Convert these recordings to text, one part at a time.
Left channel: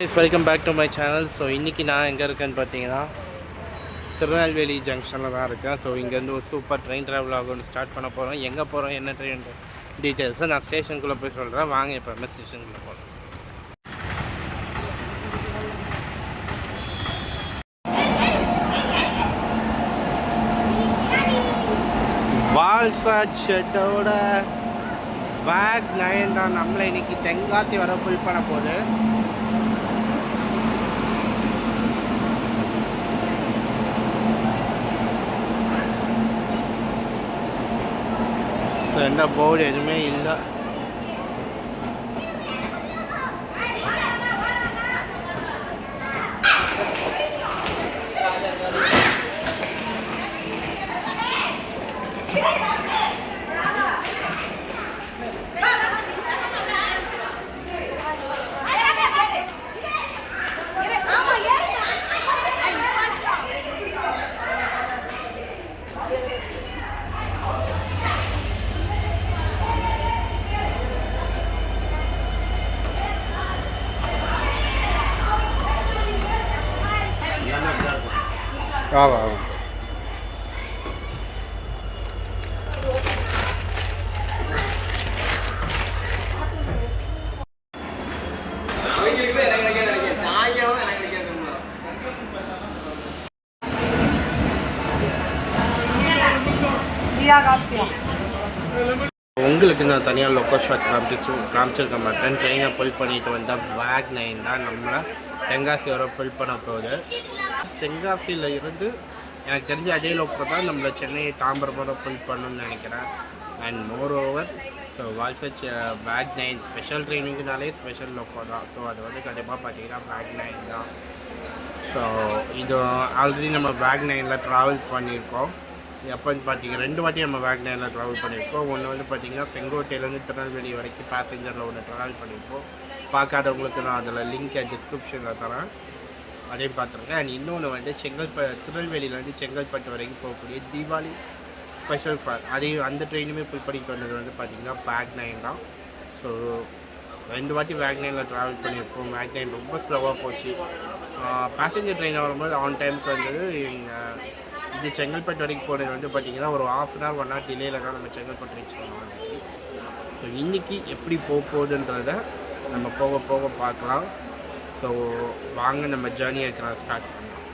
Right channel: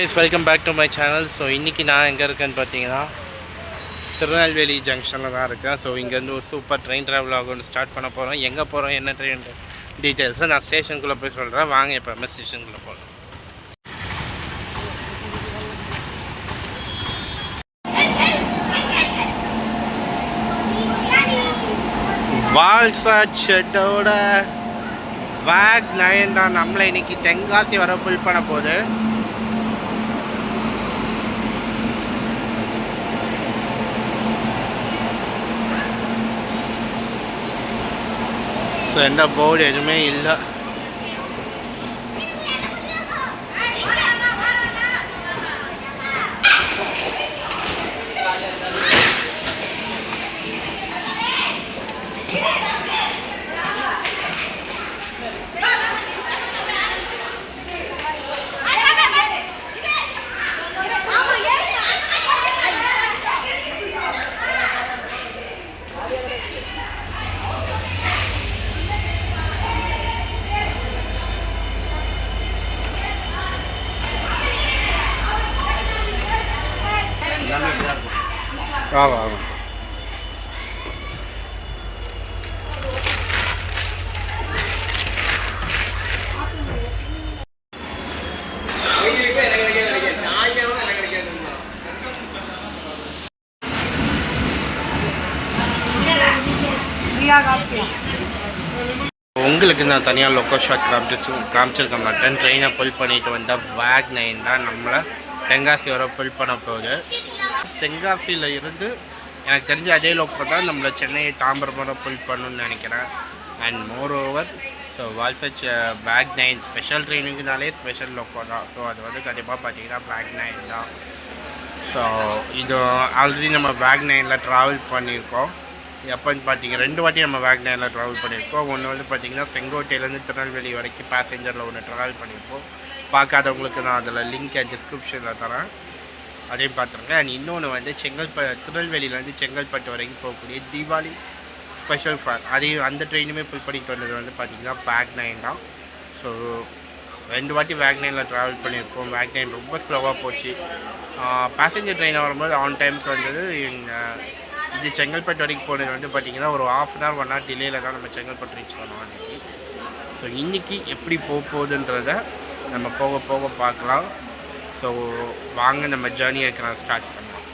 Guys, welcome back to my channel. So இன்றைக்கி நான் எங்கே இருக்கேன்னு பார்த்தீங்கன்னா திருநெல்வேலி ஜங்ஷனில் தான் இருக்கேன். ஸோ இங்கேருந்து ஒரு சூப்பர் ட்ரெயின் ட்ராவல் ஆகும் ஸ்டார்ட் பண்ண போகிறோம். எங்கே போகிறோம், என்ன ட்ரெயின் டீட்டெயில்ஸை நான் ஸ்டேஷனுக்குள்ளே போய் சொல்கிறேன். வாங்க இப்போ ஸ்டேஷனுக்குள்ளே போகிறோம். வால்சாட் ஷெட்டோட வேக் 9 தான் நம்மளை இன்றைக்கி தென்காசி வர புல் பண்ண போகுது. ஸோ எந்த போர்டு எதுவுமே இல்லை. ஆமாம் உங்களுக்கு நான் தனியாக லொக்கோ ஷாட் காமிச்சிருக்க மாட்டேன். ட்ரெயினை புல் பண்ணிட்டு வந்தால் வேக் 9 தான் நம்மளை தென்காசி வர புல் பண்ண போகுது. தென்காசியில் இருந்து எனக்கு தெரிஞ்ச அதே லோக்கோ தான் நம்மளை சென்னையை தாம்பரம் வர புல் பண்ணணும்னு நினைக்கிறேன். அண்ட் மோர் ஓவர் ஸோ வால்சச் வேக் 9 ஸ்பெஷல் ட்ரெயினுக்குனாலே ஸ்பெஷல் லோக்கோ தான். ஸோ அது வந்து கண்டிப்பாக பார்த்தீங்கன்னா வேக் 9 தான். ஸோ இது ஆல்ரெடி நம்ம வேக் 9ல் ட்ராவல் பண்ணியிருக்கோம். எப்போன்னு பார்த்தீங்கன்னா 2 வாட்டி நம்ம வேக் 9ல் ட்ராவல் பண்ணியிருக்கோம். ஒன்று வந்து பார்த்திங்கன்னா செங்கோட்டையிலேருந்து திருநெல்வேலி வரைக்கும் பேசஞ்சரில் ஒன்று ட்ராவல் பண்ணியிருக்கோம். பார்க்காதவங்களுக்கு நான் அதில் லிங்க்கை டிஸ்கிரிப்ஷனில் தரேன், அதையும் பார்த்துருங்க. அண்ட் இன்னொன்று வந்து திருநெல்வேலியிலேருந்து செங்கல்பட்டு வரைக்கும் போகக்கூடிய தீபாவளி ஸ்பெஷல் ஃபேர், அதையும் அந்த ட்ரெயினுமே புல் பண்ணிட்டு வந்தது வந்து பார்த்திங்கன்னா வேக் 9 தான். ஸோ 2 வாட்டி வேக் 9ல் ட்ராவல் பண்ணியிருக்கோம். வேக் 9 ரொம்ப ஸ்லோவாக போச்சு. பேசஞ்சர் ட்ரெயினில் வரும்போது ஆன் டைமுக்கு வந்தது. இது செங்கல்பட்டு வரைக்கும் போனது வந்து பார்த்திங்கன்னா ஒரு ½ அன் ஹவர் 1 ஹவர் டிலேயில் தான் நம்ம செங்கல்பட்டு ரீச் பண்ணோம் அன்றைக்கி. ஸோ இன்றைக்கி எப்படி போகுதுன்றதை நம்ம போக போக பார்க்கலாம். ஸோ வாங்க நம்ம ஜேர்னியை ஸ்டார்ட் பண்ணலாம்.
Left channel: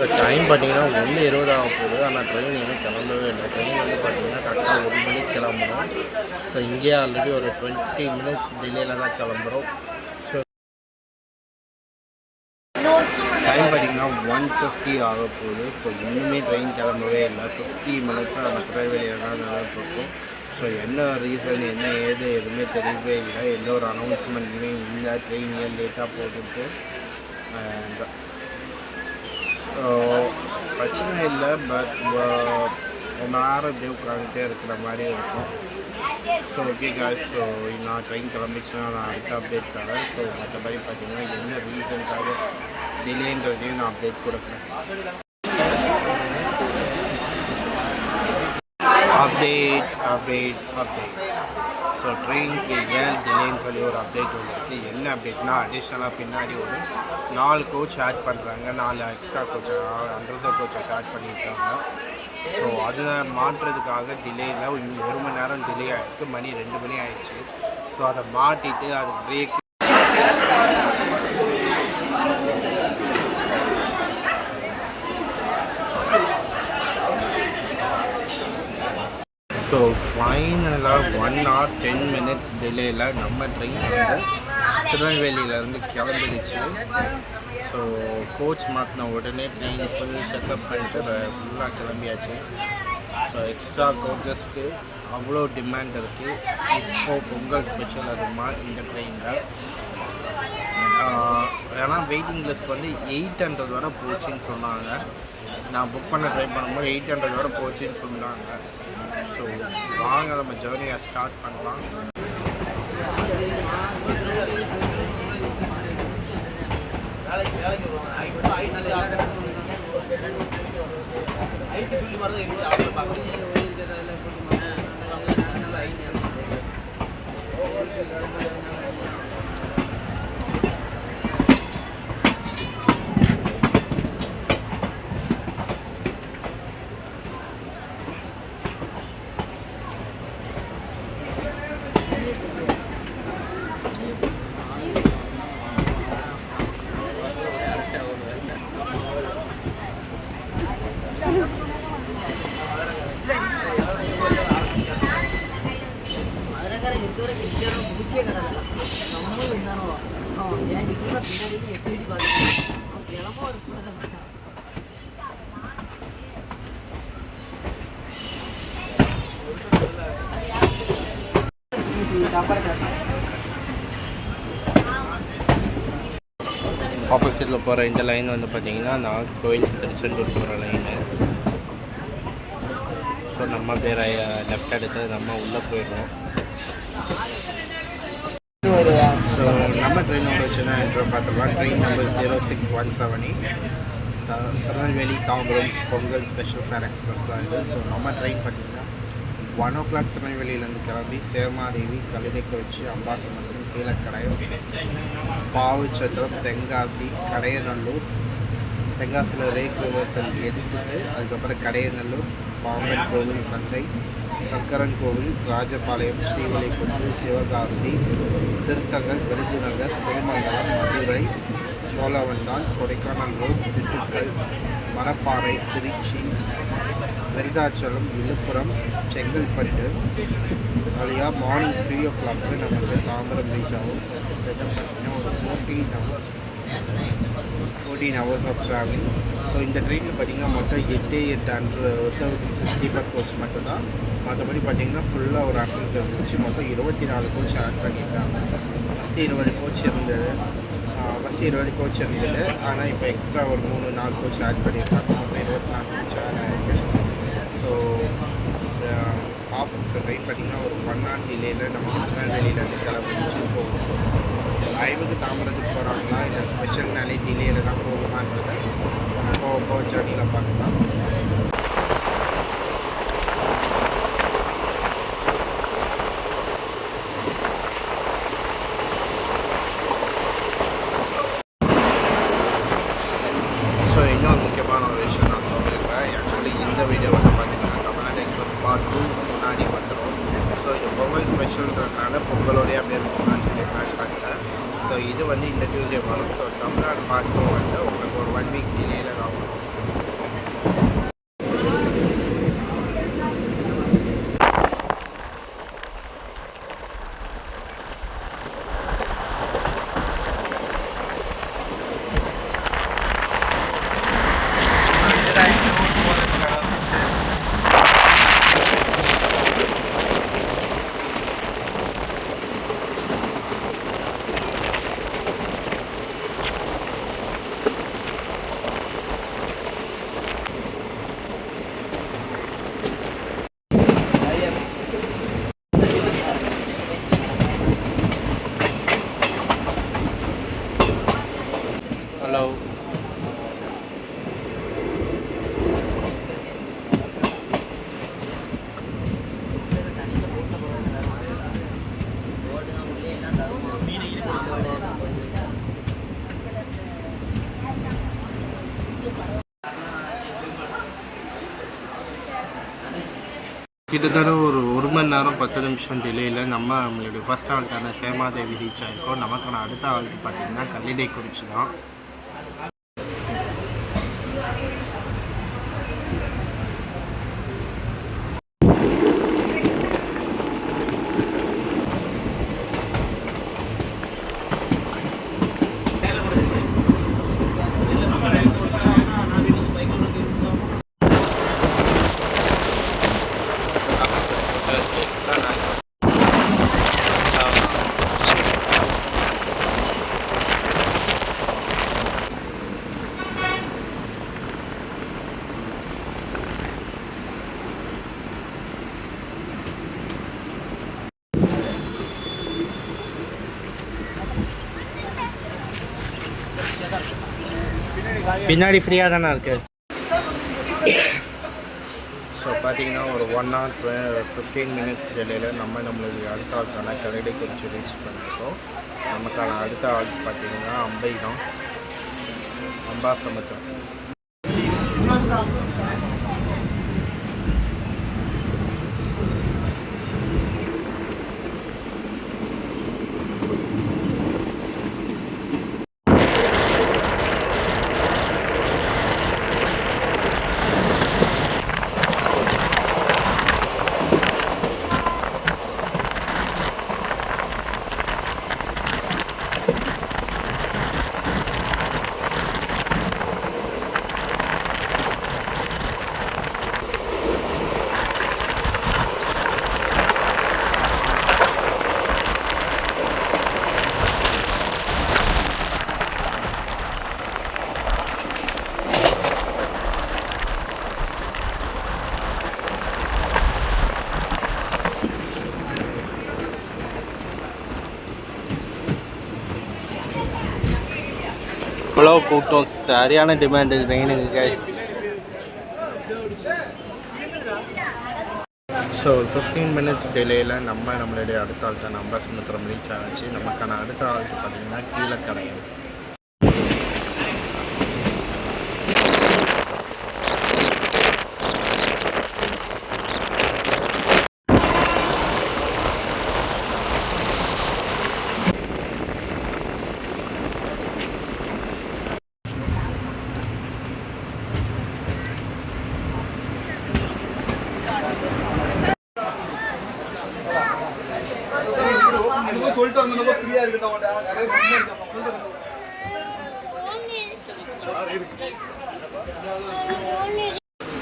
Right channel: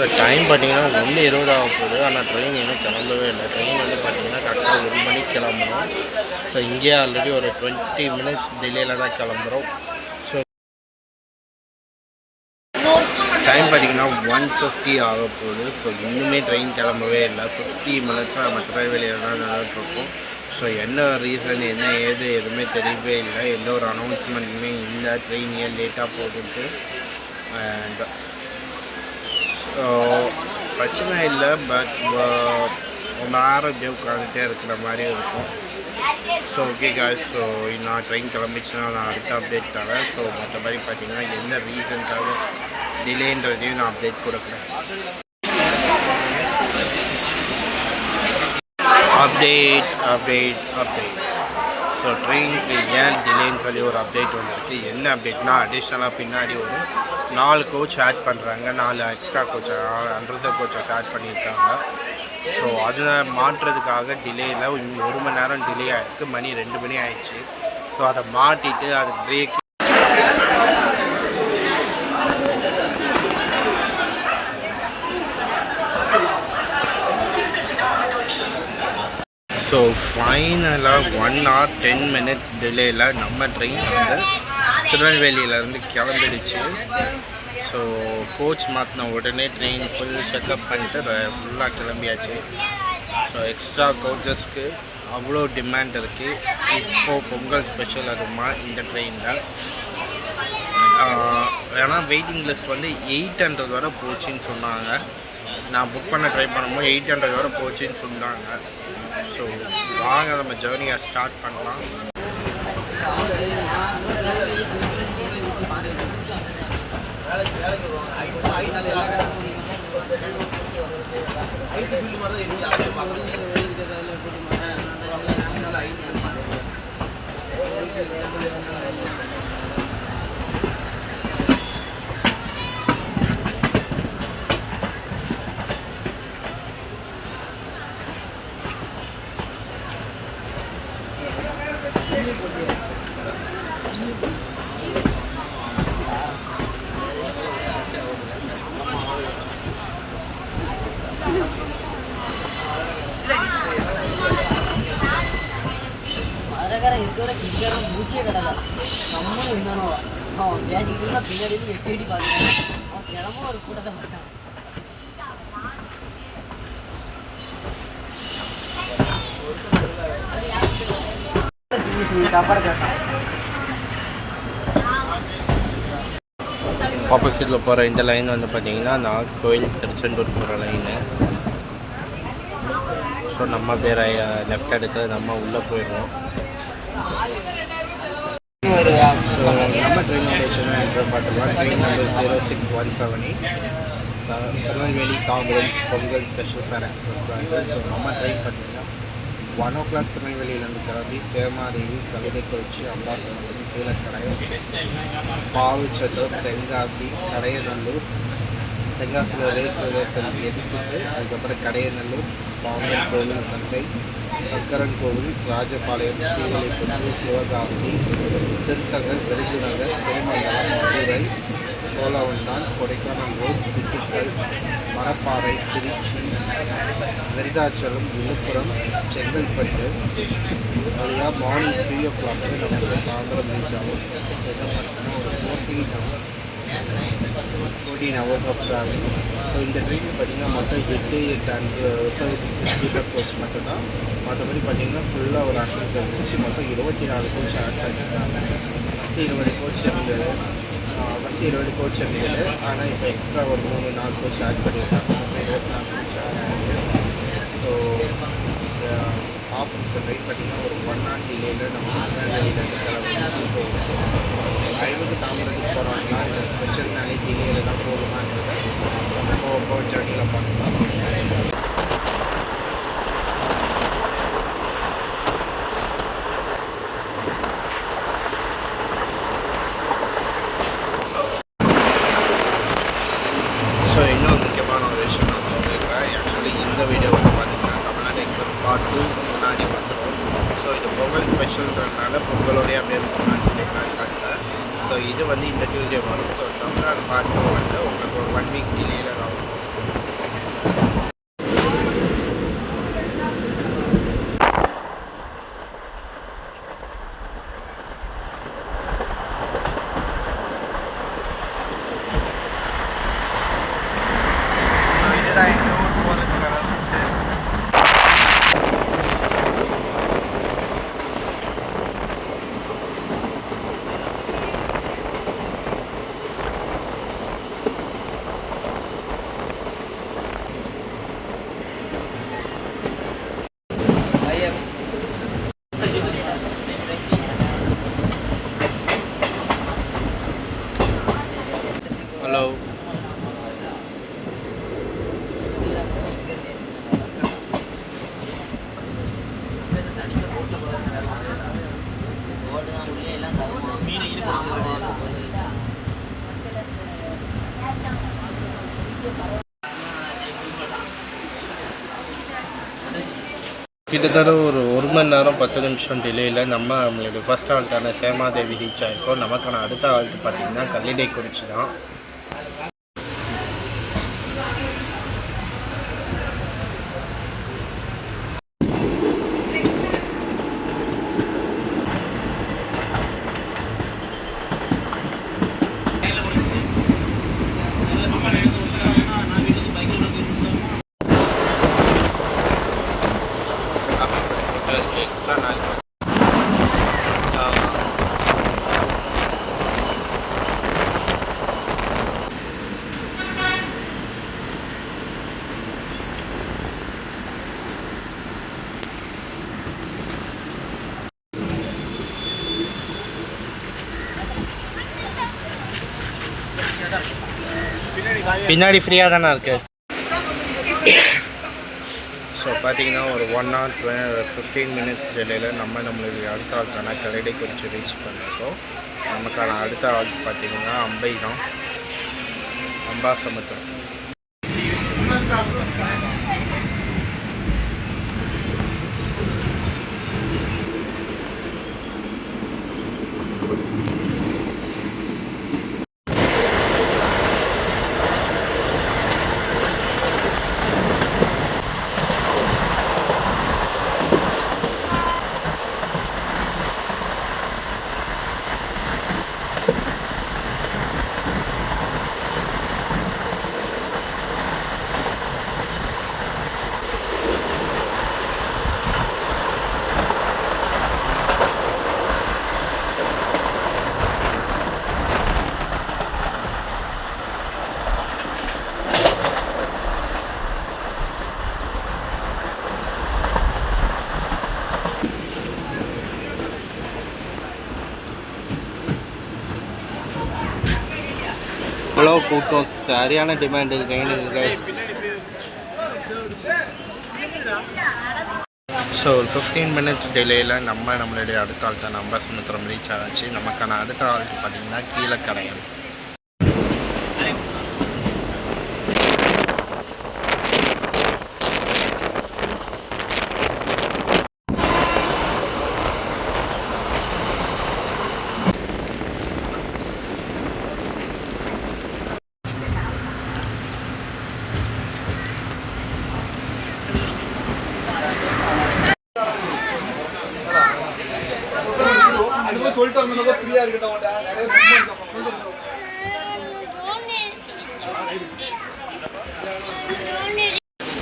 ஸோ டைம் பார்த்திங்கன்னா 1:20 ஆக போகுது. ஆனால் ட்ரெயின் இன்னும் கிளம்பவே இல்லை. ட்ரெயின் வந்து பார்த்திங்கன்னா கரெக்டாக 1 மணிக்கு கிளம்புறோம். ஸோ இங்கேயே ஆல்ரெடி ஒரு 20 மினிட்ஸ் டிலேயில் தான் கிளம்புறோம். ஸோ டைம் பார்த்திங்கன்னா 1:50 ஆக போகுது. ஸோ இன்னுமே ட்ரெயின் கிளம்பவே இல்லை. 50 மினிட்ஸாக நம்ம திருநெல்வேலியில் தான் நடந்துகிட்ருக்கோம். ஸோ என்ன ரீசன் என்ன ஏது எதுவுமே தெரியவே இல்லை. எந்த ஒரு அனௌன்ஸ்மெண்ட்டுமே இல்லை. ட்ரெயின் ஏன் லேட்டாக போட்டுட்டு அண்ட் பிரச்சனை இல்லை. பட் ரொம்ப நேரம் இப்படியே உட்காந்துட்டே இருக்கிற மாதிரி இருக்கும். ஸோ ஓகே காய்ஸ், ஸோ நான் ட்ரெயின் கிளம்பிச்சுன்னா நான் அடுத்த அப்டேட் தரேன். ஸோ மற்றபடி பார்த்திங்கன்னா என்ன ரீசனுக்காக டிலேன்றதையும் நான் அப்டேட் கொடுக்குறேன். அப்டேட் ஸோ ட்ரெயினுக்கு ஏன் டிலேன்னு சொல்லி ஒரு அப்டேட் வந்திருக்கு. என்ன அப்டேட்னா அடிஷ்னலாக பின்னாடி ஒரு 4 கோச் ஆட் பண்ணுறாங்க. 4 எக்ஸ்ட்ரா கோச்சை அண்டர்சர் கோச்சஸ் ஆட் பண்ணியிருக்காங்க. ஸோ அதில் மாற்றுறதுக்காக டிலேயில் 1 மணி நேரம் டிலே ஆகிருக்கு. மணி 2 மணி ஆயிடுச்சு. ஸோ அதை மாட்டிட்டு அது பிரேக் ஸோ ஃபைனலாக 1 hour 10 minutes டிலேயில் நம்ம ட்ரெயின் வந்து திருநெல்வேலியிலேருந்து கிளம்பிடுச்சு. ஸோ கோச் மாற்றின உடனே ட்ரெயின் ஃபுல் செக்கப் பண்ணிட்டு ஃபுல்லாக கிளம்பியாச்சு. ஸோ எக்ஸ்ட்ரா கோச்சஸ்க்கு அவ்வளோ டிமாண்ட் இருக்குது. இப்போது பொங்கல் ஸ்பெஷல் அதுமா இந்த ட்ரெயினில். ஏன்னா வெயிட்டிங் லிஸ்ட் வந்து 800 வரை போச்சுன்னு சொன்னாங்க. நான் புக் பண்ண ட்ரை பண்ணும்போது 800 வரை போச்சுன்னு சொன்னாங்க. ஸோ வாங்க நம்ம ஜேர்னியை ஸ்டார்ட் பண்ணலாம். பூச்சியே கிடலாம் நம்மளும் இருந்தாலும் அவன் மேஜிக் தான் பின்னாடி எட்டி பார்த்துட்டான் தினமும் ஒரு கூட்டத்தை பார்த்தான். ஆப்போசிட்டில் போகிற இந்த லைன் வந்து பார்த்தீங்கன்னா நாகர்கோவில் திருச்செந்தூர் போகிற லைனு. ஸோ நம்ம பேரை லெஃப்ட் எடுத்து நம்ம உள்ளே போயிடுவோம். ஸோ நம்ம ட்ரெயினோட சின்ன இன்ட்ரோ பார்த்துக்கலாம். Train number 0617 Tirunelveli Tambaram Pongal special fair express தான் இது. ஸோ நம்ம ட்ரெயின் பார்த்திங்கன்னா 1 o'clock திருநெல்வேலியிலேருந்து கிளம்பி சேமாதேவி, கலிடைக்குறிச்சி, அம்பாசமுத்திரம், கீழக்கடையம், பாவுச்சத்திரம், தென்காசி, கடையநல்லூர், தென்காசியில் ரேக் ரிவர்சல் எடுத்துட்டு அதுக்கப்புறம் கடையநல்லூர், பாம்பன் கோவில் சந்தை, சங்கரன் கோவில், ராஜபாளையம், ஸ்ரீவில்லிபுத்தூர், சிவகாசி, திருத்தங்கல், விருதுநகர், திருமங்கலம், மதுரை, சோழவந்தான், கொடைக்கானல் ரோட், திண்டுக்கல், மணப்பாறை, திருச்சி, விருதாச்சலம், விழுப்புரம், செங்கல்பட்டு வழியாக மார்னிங் 3 o'clock நமக்கு தாம்பரம் ரீச் ஆகும். பார்த்தீங்கன்னா ஒரு 14 hours ஆஃப் ட்ராவலிங். ஸோ இந்த ட்ரெயினில் பார்த்திங்கன்னா மொத்தம் 8 ரிசர்வ் ஸ்லீப்பர் கோச் மட்டும்தான். மற்றபடி பார்த்திங்கன்னா ஃபுல்லாக ஒரு அட்ரஸ் கோச் மொத்தம் 24 கோச் ஆட் பண்ணியிருக்காங்க. ஃபஸ்ட்டு 20 கோச் இருந்தது. ஆனால் இப்போ எக்ஸ்ட்ரா ஒரு 3-4 கோச் ஆட் பண்ணியிருக்காங்க. மொத்தம் 24 கோச் ஆட் ஆகிருக்கு. ஸோ ஆப்போசிட் ட்ரெயின் பார்த்திங்கன்னா ஒரு 1 hour டிலேயில் நமக்கு திருநெல்வேலியிலேருந்து கிளம்பிடுச்சு. ஸோ டைமுக்கு தாம்பரத்துக்கு போகிறாங்களா இல்லை ஸ்பெஷல் நாளே டிலேயில் தான் போகுமான்றதை நம்ம போக ஜர்னியில் பார்க்கலாம். ஸோ இன்னொரு முக்கியமான ஒரு விஷயம் நான் சொல்லியிருக்கேன். ஆக்சுவலி இந்த வீடியோ வந்து பார்த்திங்கன்னா தமிழ்நாடு எக்ஸ்பிரஸ் பார்ட் 2 முன்னாடி வந்துடும். ஸோ இது பொங்கல் ஸ்பெஷல்ன்றதுனால பொங்கலோடைய அப்படியே இருக்கணும்னு சொல்லி பிளான் பண்ணிட்டேன். ஸோ இது வந்து இந்த டியூஸ்டே வரும். ஸோ தமிழ்நாடு பார்ட் 2 வந்து உங்களுக்கு ஒரு 1 week டிலேயில் தான் வரும். ஹலோ, கிட்டத்தட்ட ஒரு 1 மணி நேரம் 10 நிமிஷம் டிலேயில் நம்மளுடைய ஃபஸ்ட் ஹால்ட்டான சேமாதேவி ரீச் ஆகிருக்கோம். நமக்கான அடுத்த ஹால்ட்டு பார்த்திங்கன்னா கல்லிடைக்குறிச்சி தான். பின்னாடி ஃப்ரீயாக தானே இருக்குது. ஸோ பார்த்தீங்கன்னா ஒரு 1 hour 15 minutes டிலேயில் நம்மளுடைய அடுத்த ஆளுக்கான கல்லடை குறித்து ரீச் பண்ணியிருக்கோம். நமக்கான அடுத்த ஆள் பார்த்தீங்கன்னா அம்பை தான், அம்பாசமுத்திரம். அவ்வளோ கூட்டம், சரியான டிமாண்டு ட்ரெயினுக்கு கைஸ். ஸோ 15 minutes டிலேயில் நம்மளுடைய அடுத்த ஆள்கிட்ட அம்பாசமுத்திரம் ரீச் ஆச்சு. நமக்கான அடுத்த ஆளுக்கு பார்த்தீங்கன்னா கீழக்கடையம்.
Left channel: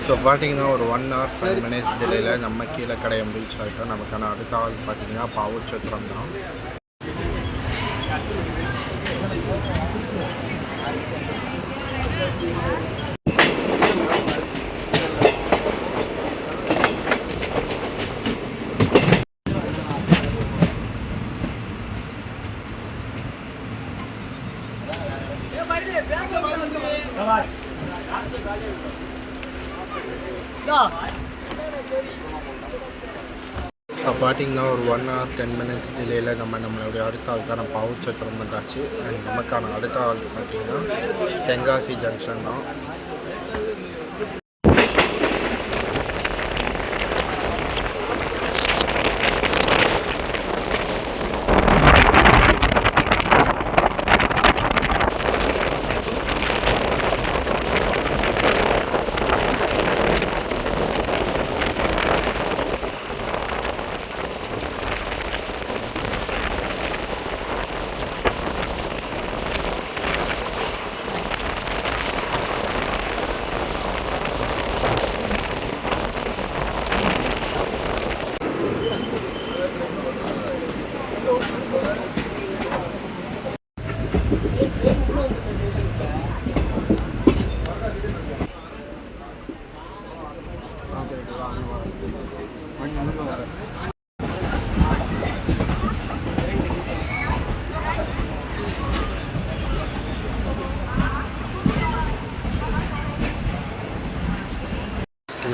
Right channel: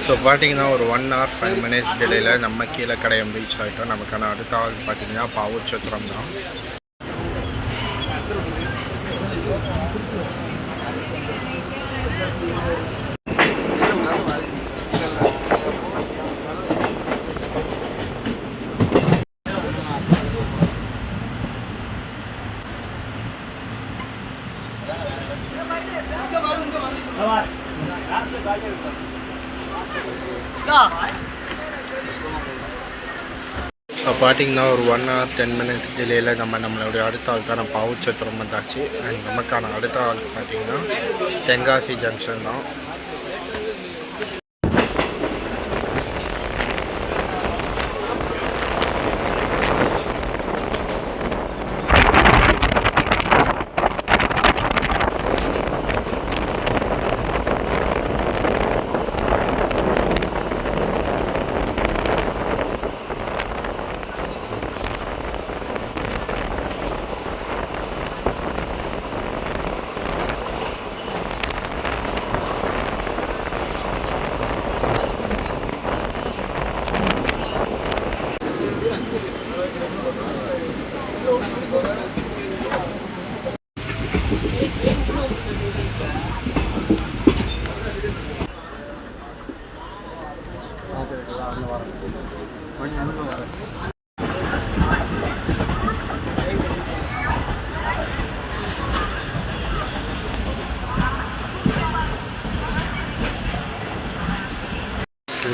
ஸோ பார்த்தீங்கன்னா ஒரு 1 hour 5 minutes டிலேயில் நம்ம கீழக்கடையம் ரீச் ஆகிட்டோம். நமக்கான அடுத்த ஆள் பார்த்தீங்கன்னா பாவூர்சத்திரம் தான். ஸோ பார்த்தீங்கன்னா ஒரு 1 hour 10 minutes டிலேயில் நம்மளுடைய அடுத்த ஆளுக்கான பாவூர்சத்திரம் வந்தாச்சு. அண்ட் நமக்கான அடுத்த ஆள் பார்த்தீங்கன்னா தென்காசி ஜங்ஷன் தான்.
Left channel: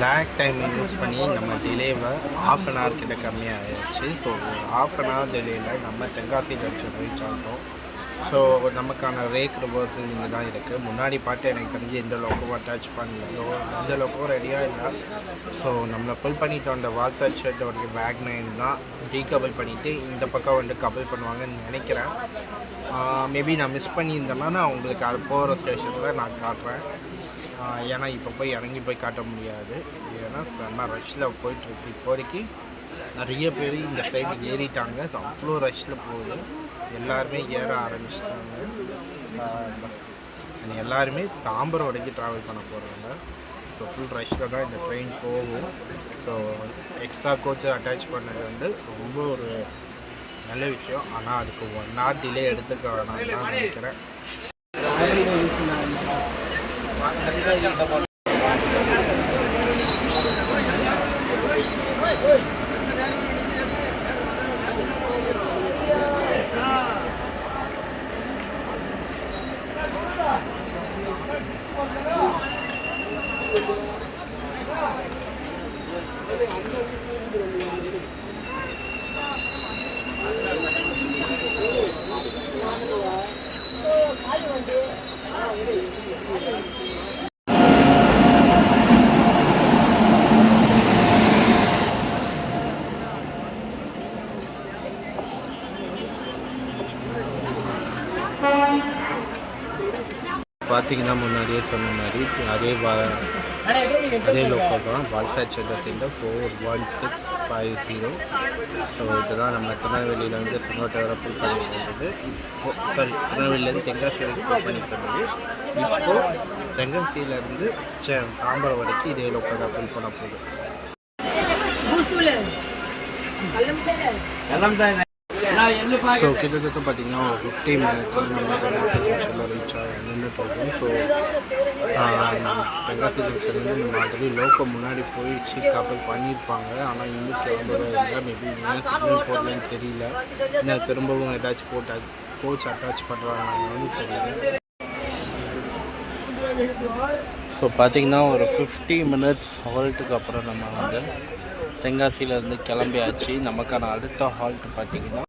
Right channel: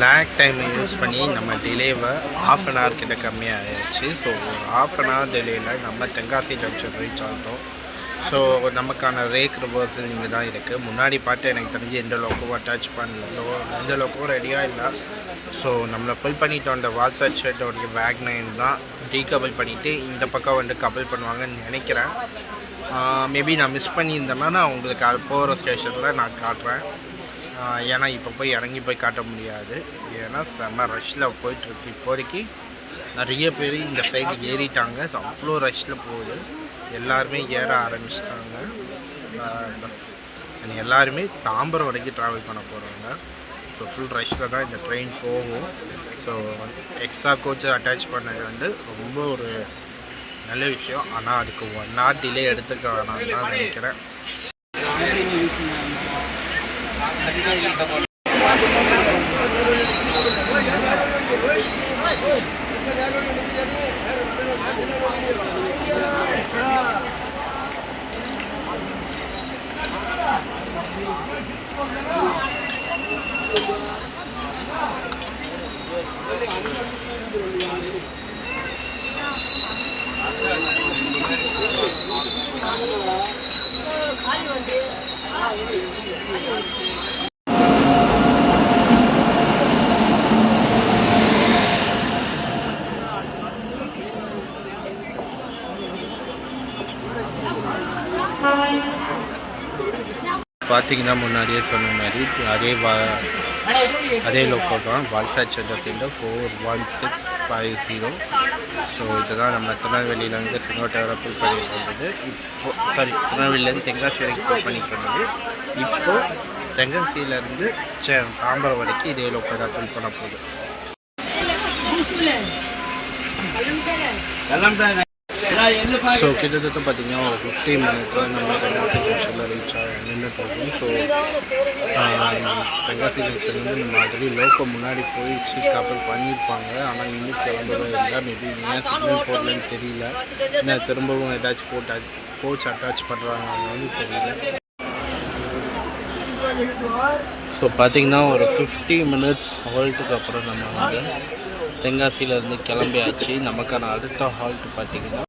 லேக் டைமை யூஸ் பண்ணி நம்ம டிலேவை ½ an hour கிட்ட கம்மியாகிடுச்சு. ஸோ ஒரு ½ an hour டிலேயில் நம்ம தென்காசி ஜங்ஷன் ரீச் ஆகிட்டோம். ஸோ நமக்கான ரேக் ரிவர்சல் இங்கே தான் இருக்குது. முன்னாடி பாட்டு எனக்கு தெரிஞ்சு எந்த லோக்கோவும் அட்டாச் பண்ணல, எந்த லோக்கோவும் ரெடியாக இல்லை. ஸோ நம்மளை புல் பண்ணிவிட்டோம். அந்த வால்சட் ஷெட்டோடைய வேக்னைன் தான் டீகபிள் பண்ணிவிட்டு இந்த பக்கம் வந்து கபிள் பண்ணுவாங்கன்னு நினைக்கிறேன். மேபி நான் மிஸ் பண்ணியிருந்தேன்னா நான் உங்களுக்கு அது போகிற ஸ்டேஷனில் நான் காட்டுறேன். ஏன்னா இப்போ போய் இறங்கி போய் காட்ட முடியாது, ஏன்னா செம்ம ரஷ்ஷில் போயிட்டுருக்கு. இப்போதைக்கு நிறைய பேர் இந்த சைடு ஏறிட்டாங்க. ஸோ அவ்வளோ ரஷ்ஷில் போகுது, எல்லாருமே ஏற ஆரம்பிச்சிட்டாங்க. எல்லாருமே தாம்பரம் வரைக்கும் ட்ராவல் பண்ண போகிறாங்க. ஸோ ஃபுல் ரஷ்ஷில் தான் இந்த ட்ரெயின் போகும். ஸோ எக்ஸ்ட்ரா கோச்சை அட்டாச் பண்ணது வந்து ரொம்ப ஒரு நல்ல விஷயம். ஆனால் அதுக்கு 1 hour டிலே எடுத்துக்க வேணாம்னு தான் நினைக்கிறேன். பார்த்தீங்கன்னா முன்னாடியே சொன்ன மாதிரி அதே லோக்கல் தான் வால்சாட் சென்டர் சென்டர் 41650. ஸோ இதுதான் நம்ம திருநெல்வேலியிலேருந்து செங்கோட்டை வர புல் பண்ணிட்டு இருந்தது. திருநெல்வேலியிலேருந்து தென்காசி வரைக்கும் புல் பண்ணிட்டு இருந்தது. இப்போது தென்காசியிலேருந்து தாம்பரம் வரைக்கும் இதே லோக்கல் தான் புல் பண்ண போகுது. ஸோ கிட்டத்தட்ட பார்த்தீங்கன்னா ஒரு 15 மினிட்ஸாக நம்ம தென்காசி ஜங்ஷனில் ரீச் நின்றுட்டுருக்கோம். ஸோ தென்காசி ஜங்ஷன்லேருந்து நம்ம ஆல்ரெடி லோக்கல் முன்னாடி போயிடுச்சு கப்பல் பண்ணியிருப்பாங்க. ஆனால் இன்னும் கிளம்பவே இல்லை. மேபி ஏன் சிக்னல் போடலன்னு தெரியல. இல்லை திரும்பவும் ஏதாச்சும் கோச் அட்டாச் பண்ணுறாங்கன்னு தெரியல. ஸோ பார்த்திங்கன்னா ஒரு 50 மினிட்ஸ் ஹால்ட்டுக்கு அப்புறம் நம்ம வந்து தென்காசியிலேருந்து கிளம்பியாச்சு. நமக்கான அடுத்த ஹால்ட் பார்த்திங்கன்னா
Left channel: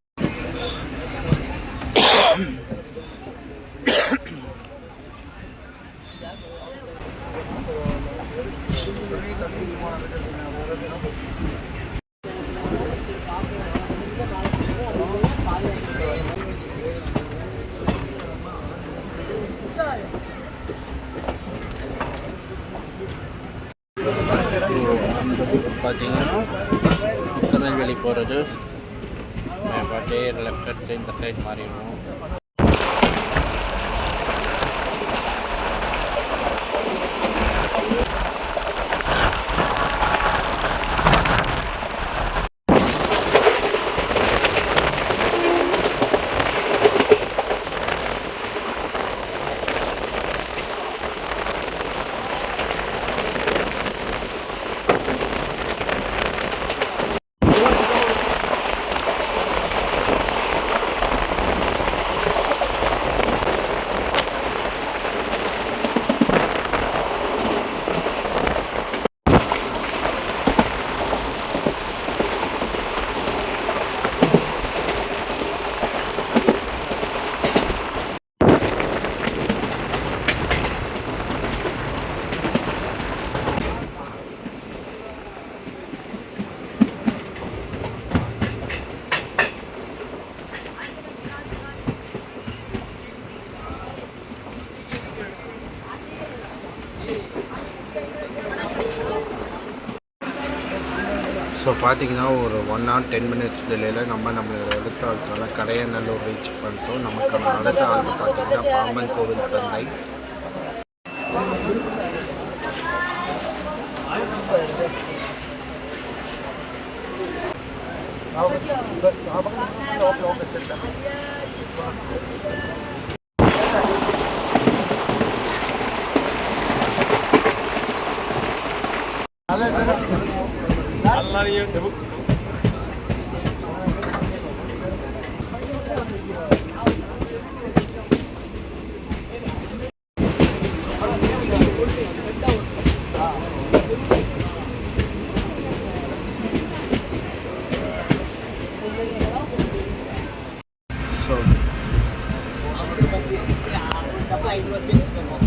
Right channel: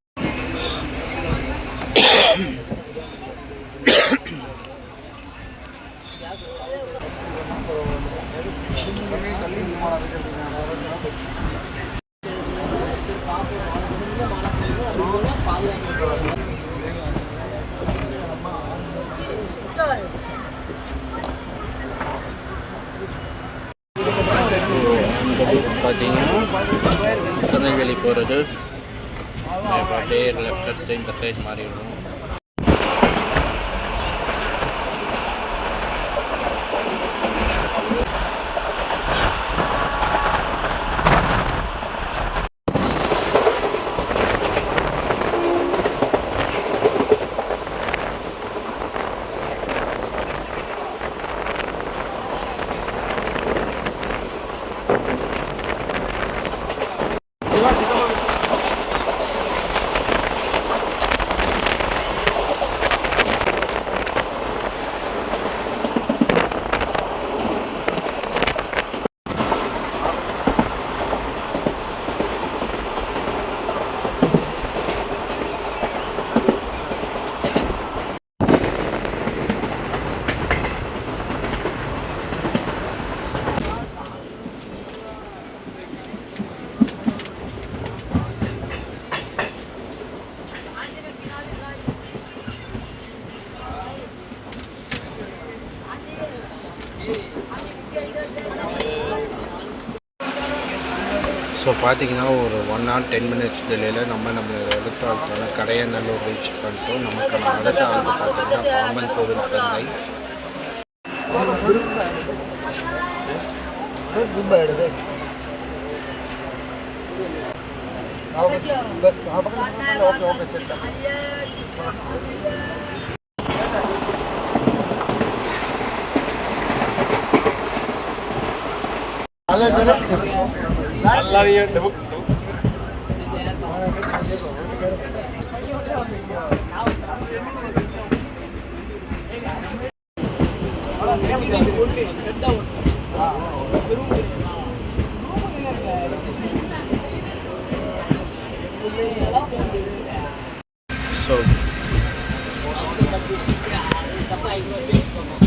பார்த்தீங்கன்னா திருநெல்வேலி போகிறது அப்படியே லெஃப்ட் எடுத்து இந்த சைட் மாறிடுவோம். ஸோ பார்த்தீங்கன்னா ஒரு 1 hour 10 minutes டிலேயில் நம்மளோட அடுத்த ஆளுக்கான கடையநல்லூர் ரீச் பண்ணிட்டோம். நமக்கான அடுத்த ஆளுக்கு பார்த்தீங்கன்னா பாம்பன் கோவில் சந்தை.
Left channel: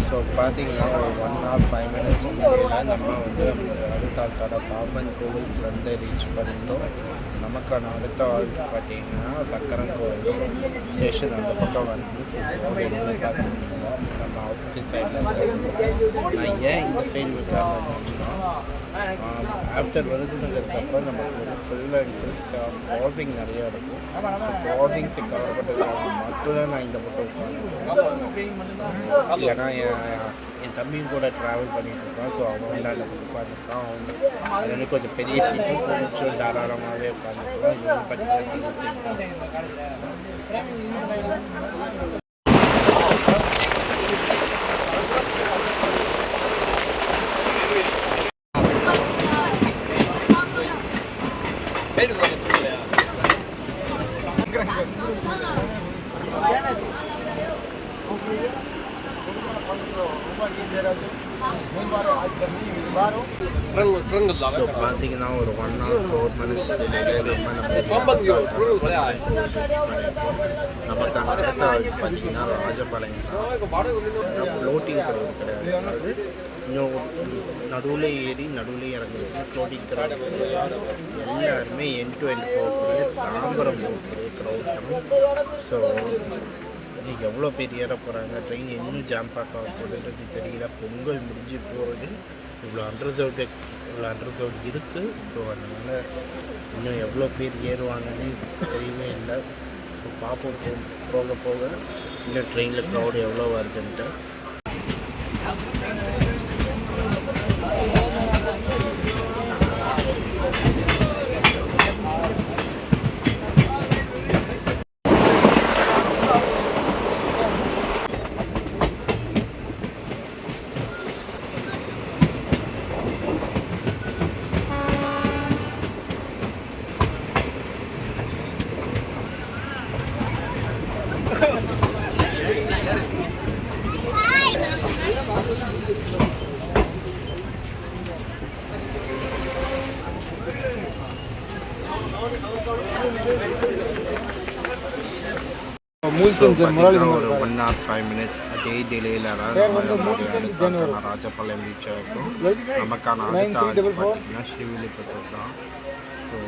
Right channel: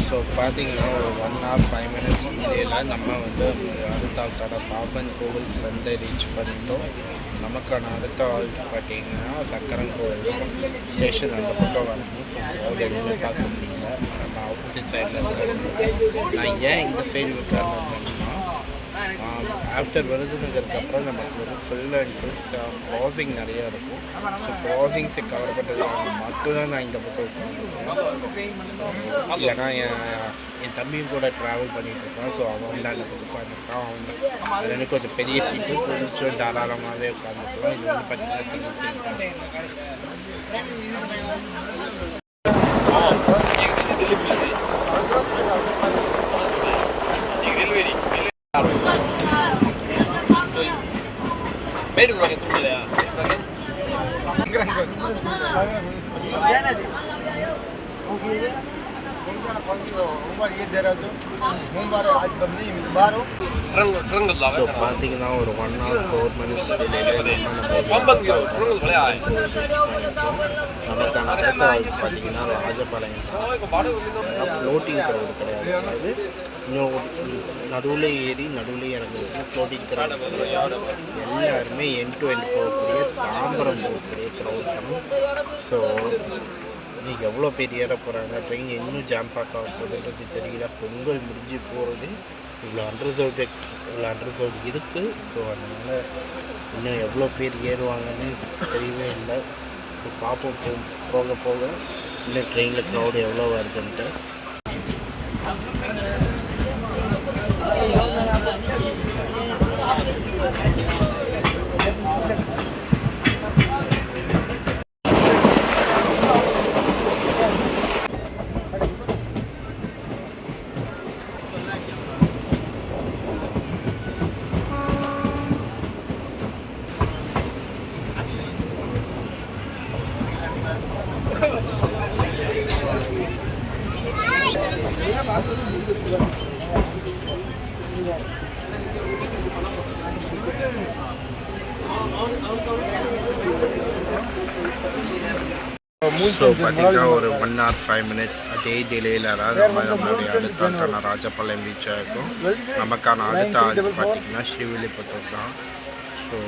ஸோ பார்த்தீங்கன்னா ஒரு 1 hour 5 minutes டிலேயில் நம்ம வந்து அடுத்த ஆள்கான பாம்பன் கோவில் சந்தை ரீச் பண்ணிட்டோம். நமக்கான அடுத்த ஆள் பார்த்தீங்கன்னா சக்கரன் கோவில் ஸ்டேஷன் அந்த பக்கம் வந்து எதுவுமே பார்க்க முடியல. நம்ம ஆப்போசிட் சைடில் இருக்காங்க. நான் ஏன் இந்த சைடு விட்டாங்கன்னா ஆஃப்டர் விருதுநகருக்கு நமக்கு வந்து ஃபுல் அண்ட் ஃபுல் க்ராசிங் நிறையா இருக்கும். ஸோ க்ராசிங்ஸை கவர் பண்ணுறதுக்காக மட்டும்தான் நான் இந்த பக்கம் உட்காந்துருக்கேன். ஏன்னா என் தம்பியும் கூட ட்ராவல் பண்ணிகிட்டு இருக்கான். ஸோ அவன் தான் இந்த பக்கம் உட்காந்துருக்கான். அவன் அது வந்து கொஞ்சம் பெரிய சீட்டு, கொஞ்சம் தாராளமாகவே உட்காந்துருக்கலாம். இது வந்து பார்த்திங்கன்னா சிங்கிள் சீட் தான். ஸோ பார்த்தீங்கன்னா ஒரு 1 hour 4 minutes டிலேயில் நமக்கான அடுத்த பார்த்தீங்கன்னா ராஜபாளையம் ஃப்ளோட்டிங் க்ரௌடு கிடையாது. அதாவது இன்னும் நடுவில் ஏறி நடுவில் இறங்குறது ஃப்ளோட்டிங் க்ரௌடு கிடையாது. எல்லாருமே எண்ட் டு எண்ட் போகக்கூடிய தாம்பரம் போகக்கூடிய க்ரௌட் தான். ஸோ இன்றைக்கி எவ்வளோ பேர் ஏற போகிறாங்க, ட்ரெயின் இன்னும் ஜாம் பேக் ஆக போகுதுன்றது தெரியல. பொங்கல் முடிஞ்சு போகிறது இவ்வளோ அண்டர்சவுட் இருக்குது. ஸோ அதனால் இன்னும் எவ்வளோ பேர் ஏறுவாங்கன்னு தெரியவே இல்லை. ஸோ பார்ப்போம் போக போக இன்னும் ட்ரெயினில் க்ரௌடு எவ்வளோ வருதுன்ட்டு. ஸோ பார்த்திங்கன்னா ஒரு 1 hour 5 minutes அதே டிலேயில் தான் நம்மளுடைய அடுத்த ஆள்கான ராஜபாளையம் ரீச் ஆகிருக்கும். நமக்கான அடுத்த ஆள் பார்த்திங்கன்னா ஸ்ரீவில்லிபுத்தூர் தான். ஸோ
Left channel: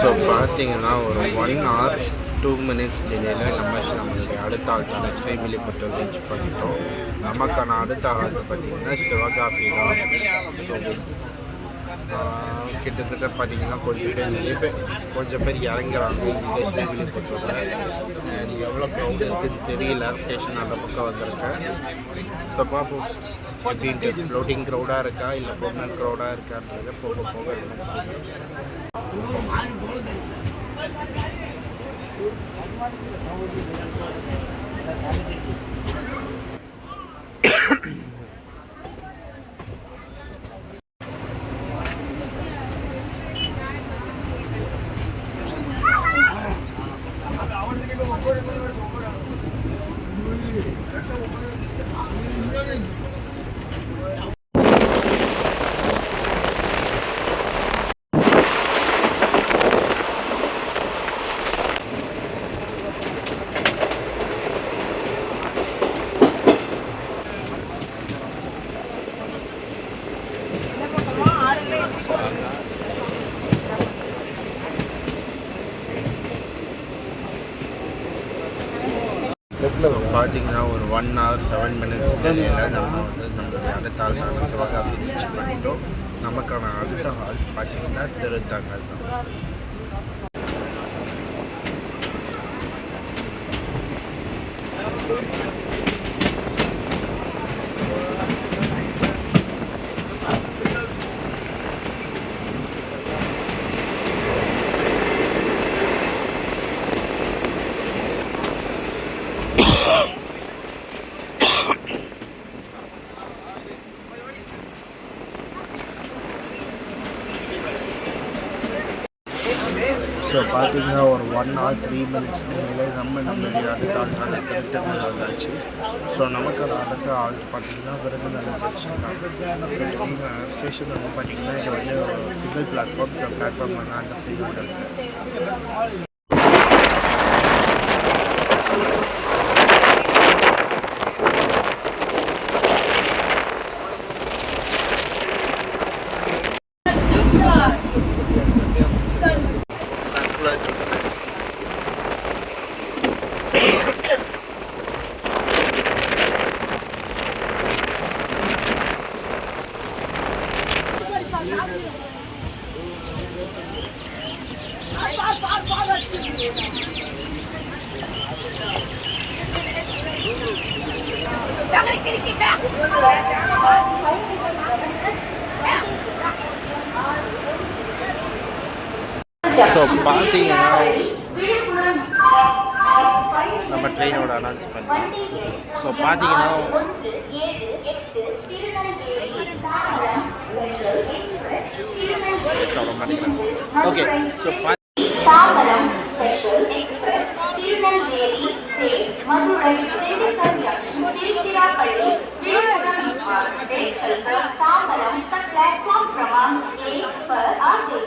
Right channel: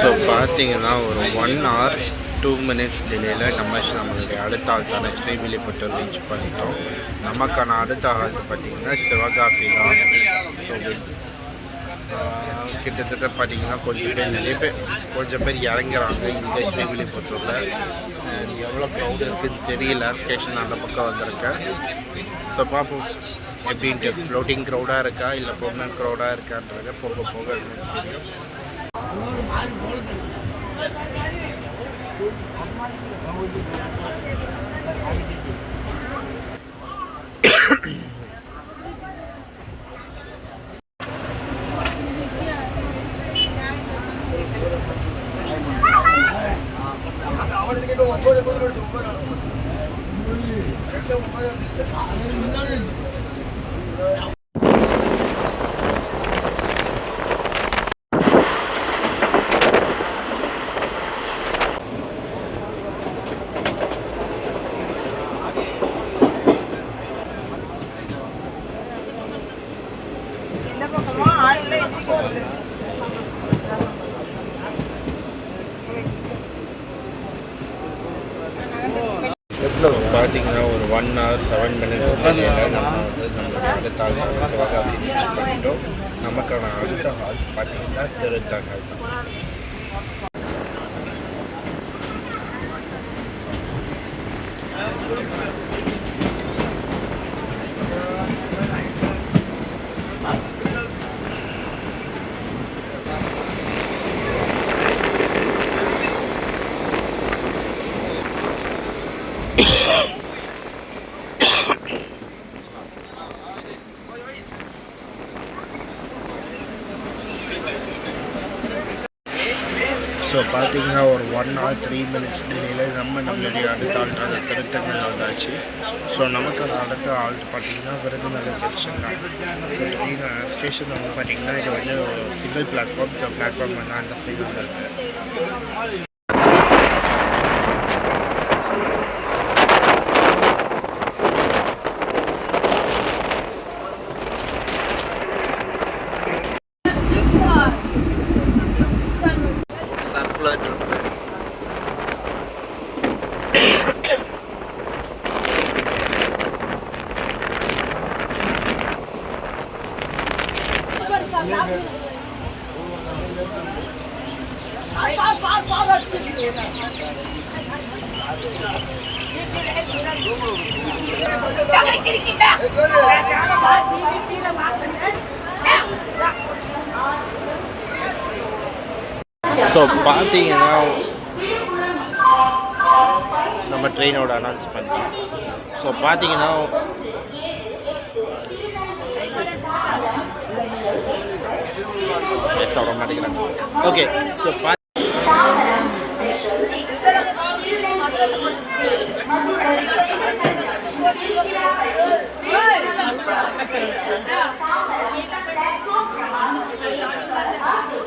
ஸோ பார்த்தீங்கன்னா ஒரு 1 hour 2 minutes டிலேயில் நம்மளுடைய அடுத்த ஆள்கான ஸ்ரீவில்லிபுத்தூர் ரீச் பண்ணிட்டோம். நமக்கான அடுத்த ஆள்ட்டு பார்த்திங்கன்னா சிவகாசி தான். ஸோ கிட்டத்தட்ட பார்த்திங்கன்னா கொஞ்சம் பேர் இறங்குறாங்க இங்கே ஸ்ரீவில்லிபுத்தூரில். எவ்வளோ க்ரௌடு இருக்குதுன்னு தெரியல, ஸ்டேஷன் அந்த பக்கம் வந்திருக்கேன். ஸோ பார்ப்போம் எப்படின்ட்டு, ஃப்ளோட்டிங் க்ரௌடாக இருக்கா இல்லை பெர்மனன்ட் க்ரௌடாக இருக்கான்றதை போக போக நமக்கு தெரியும். பார்த்தீங்கன்னா ஒரு 1 hour 7 minutes டிலேயில் நம்மளுடைய அடுத்த ஆள்கான சிவகாசி ரீச் பண்ணிட்டோம். நமக்கான அடுத்த ஆள் பார்த்தீங்கன்னா திருத்தங்கல் தான். ஸோ பார்த்தீங்கன்னா ஒரு 1 hour 3 minutes டிலேயில் நம்மளுடைய அடுத்த ஆள்கான திருத்தங்கல் வந்தாச்சு. ஸோ நமக்கான அடுத்த ஆள் பார்த்தீங்கன்னா விருதுநகர் ஜங்ஷன் தான். ஸோ ட்ரெயின் ஸ்டேஷன் வந்து பார்த்திங்கன்னா இது வந்து சிங்கிள் பிளாட்ஃபார்ம். ஸோ பிளாட்ஃபார்ம் வந்து அந்த சைடு வந்துருக்கு. ஸோ பார்த்தீங்கன்னா நம்ம ட்ரெயினோட அனௌன்ஸ் பண்ணலாம். ஸோ பார்த்தீங்கன்னா வர மாட்டேங்கிறாங்க. Okay, so Tambaram special Tirunelveli Madurai Tiruchirappalli Tambaram platform क्रमांक 1 पर आते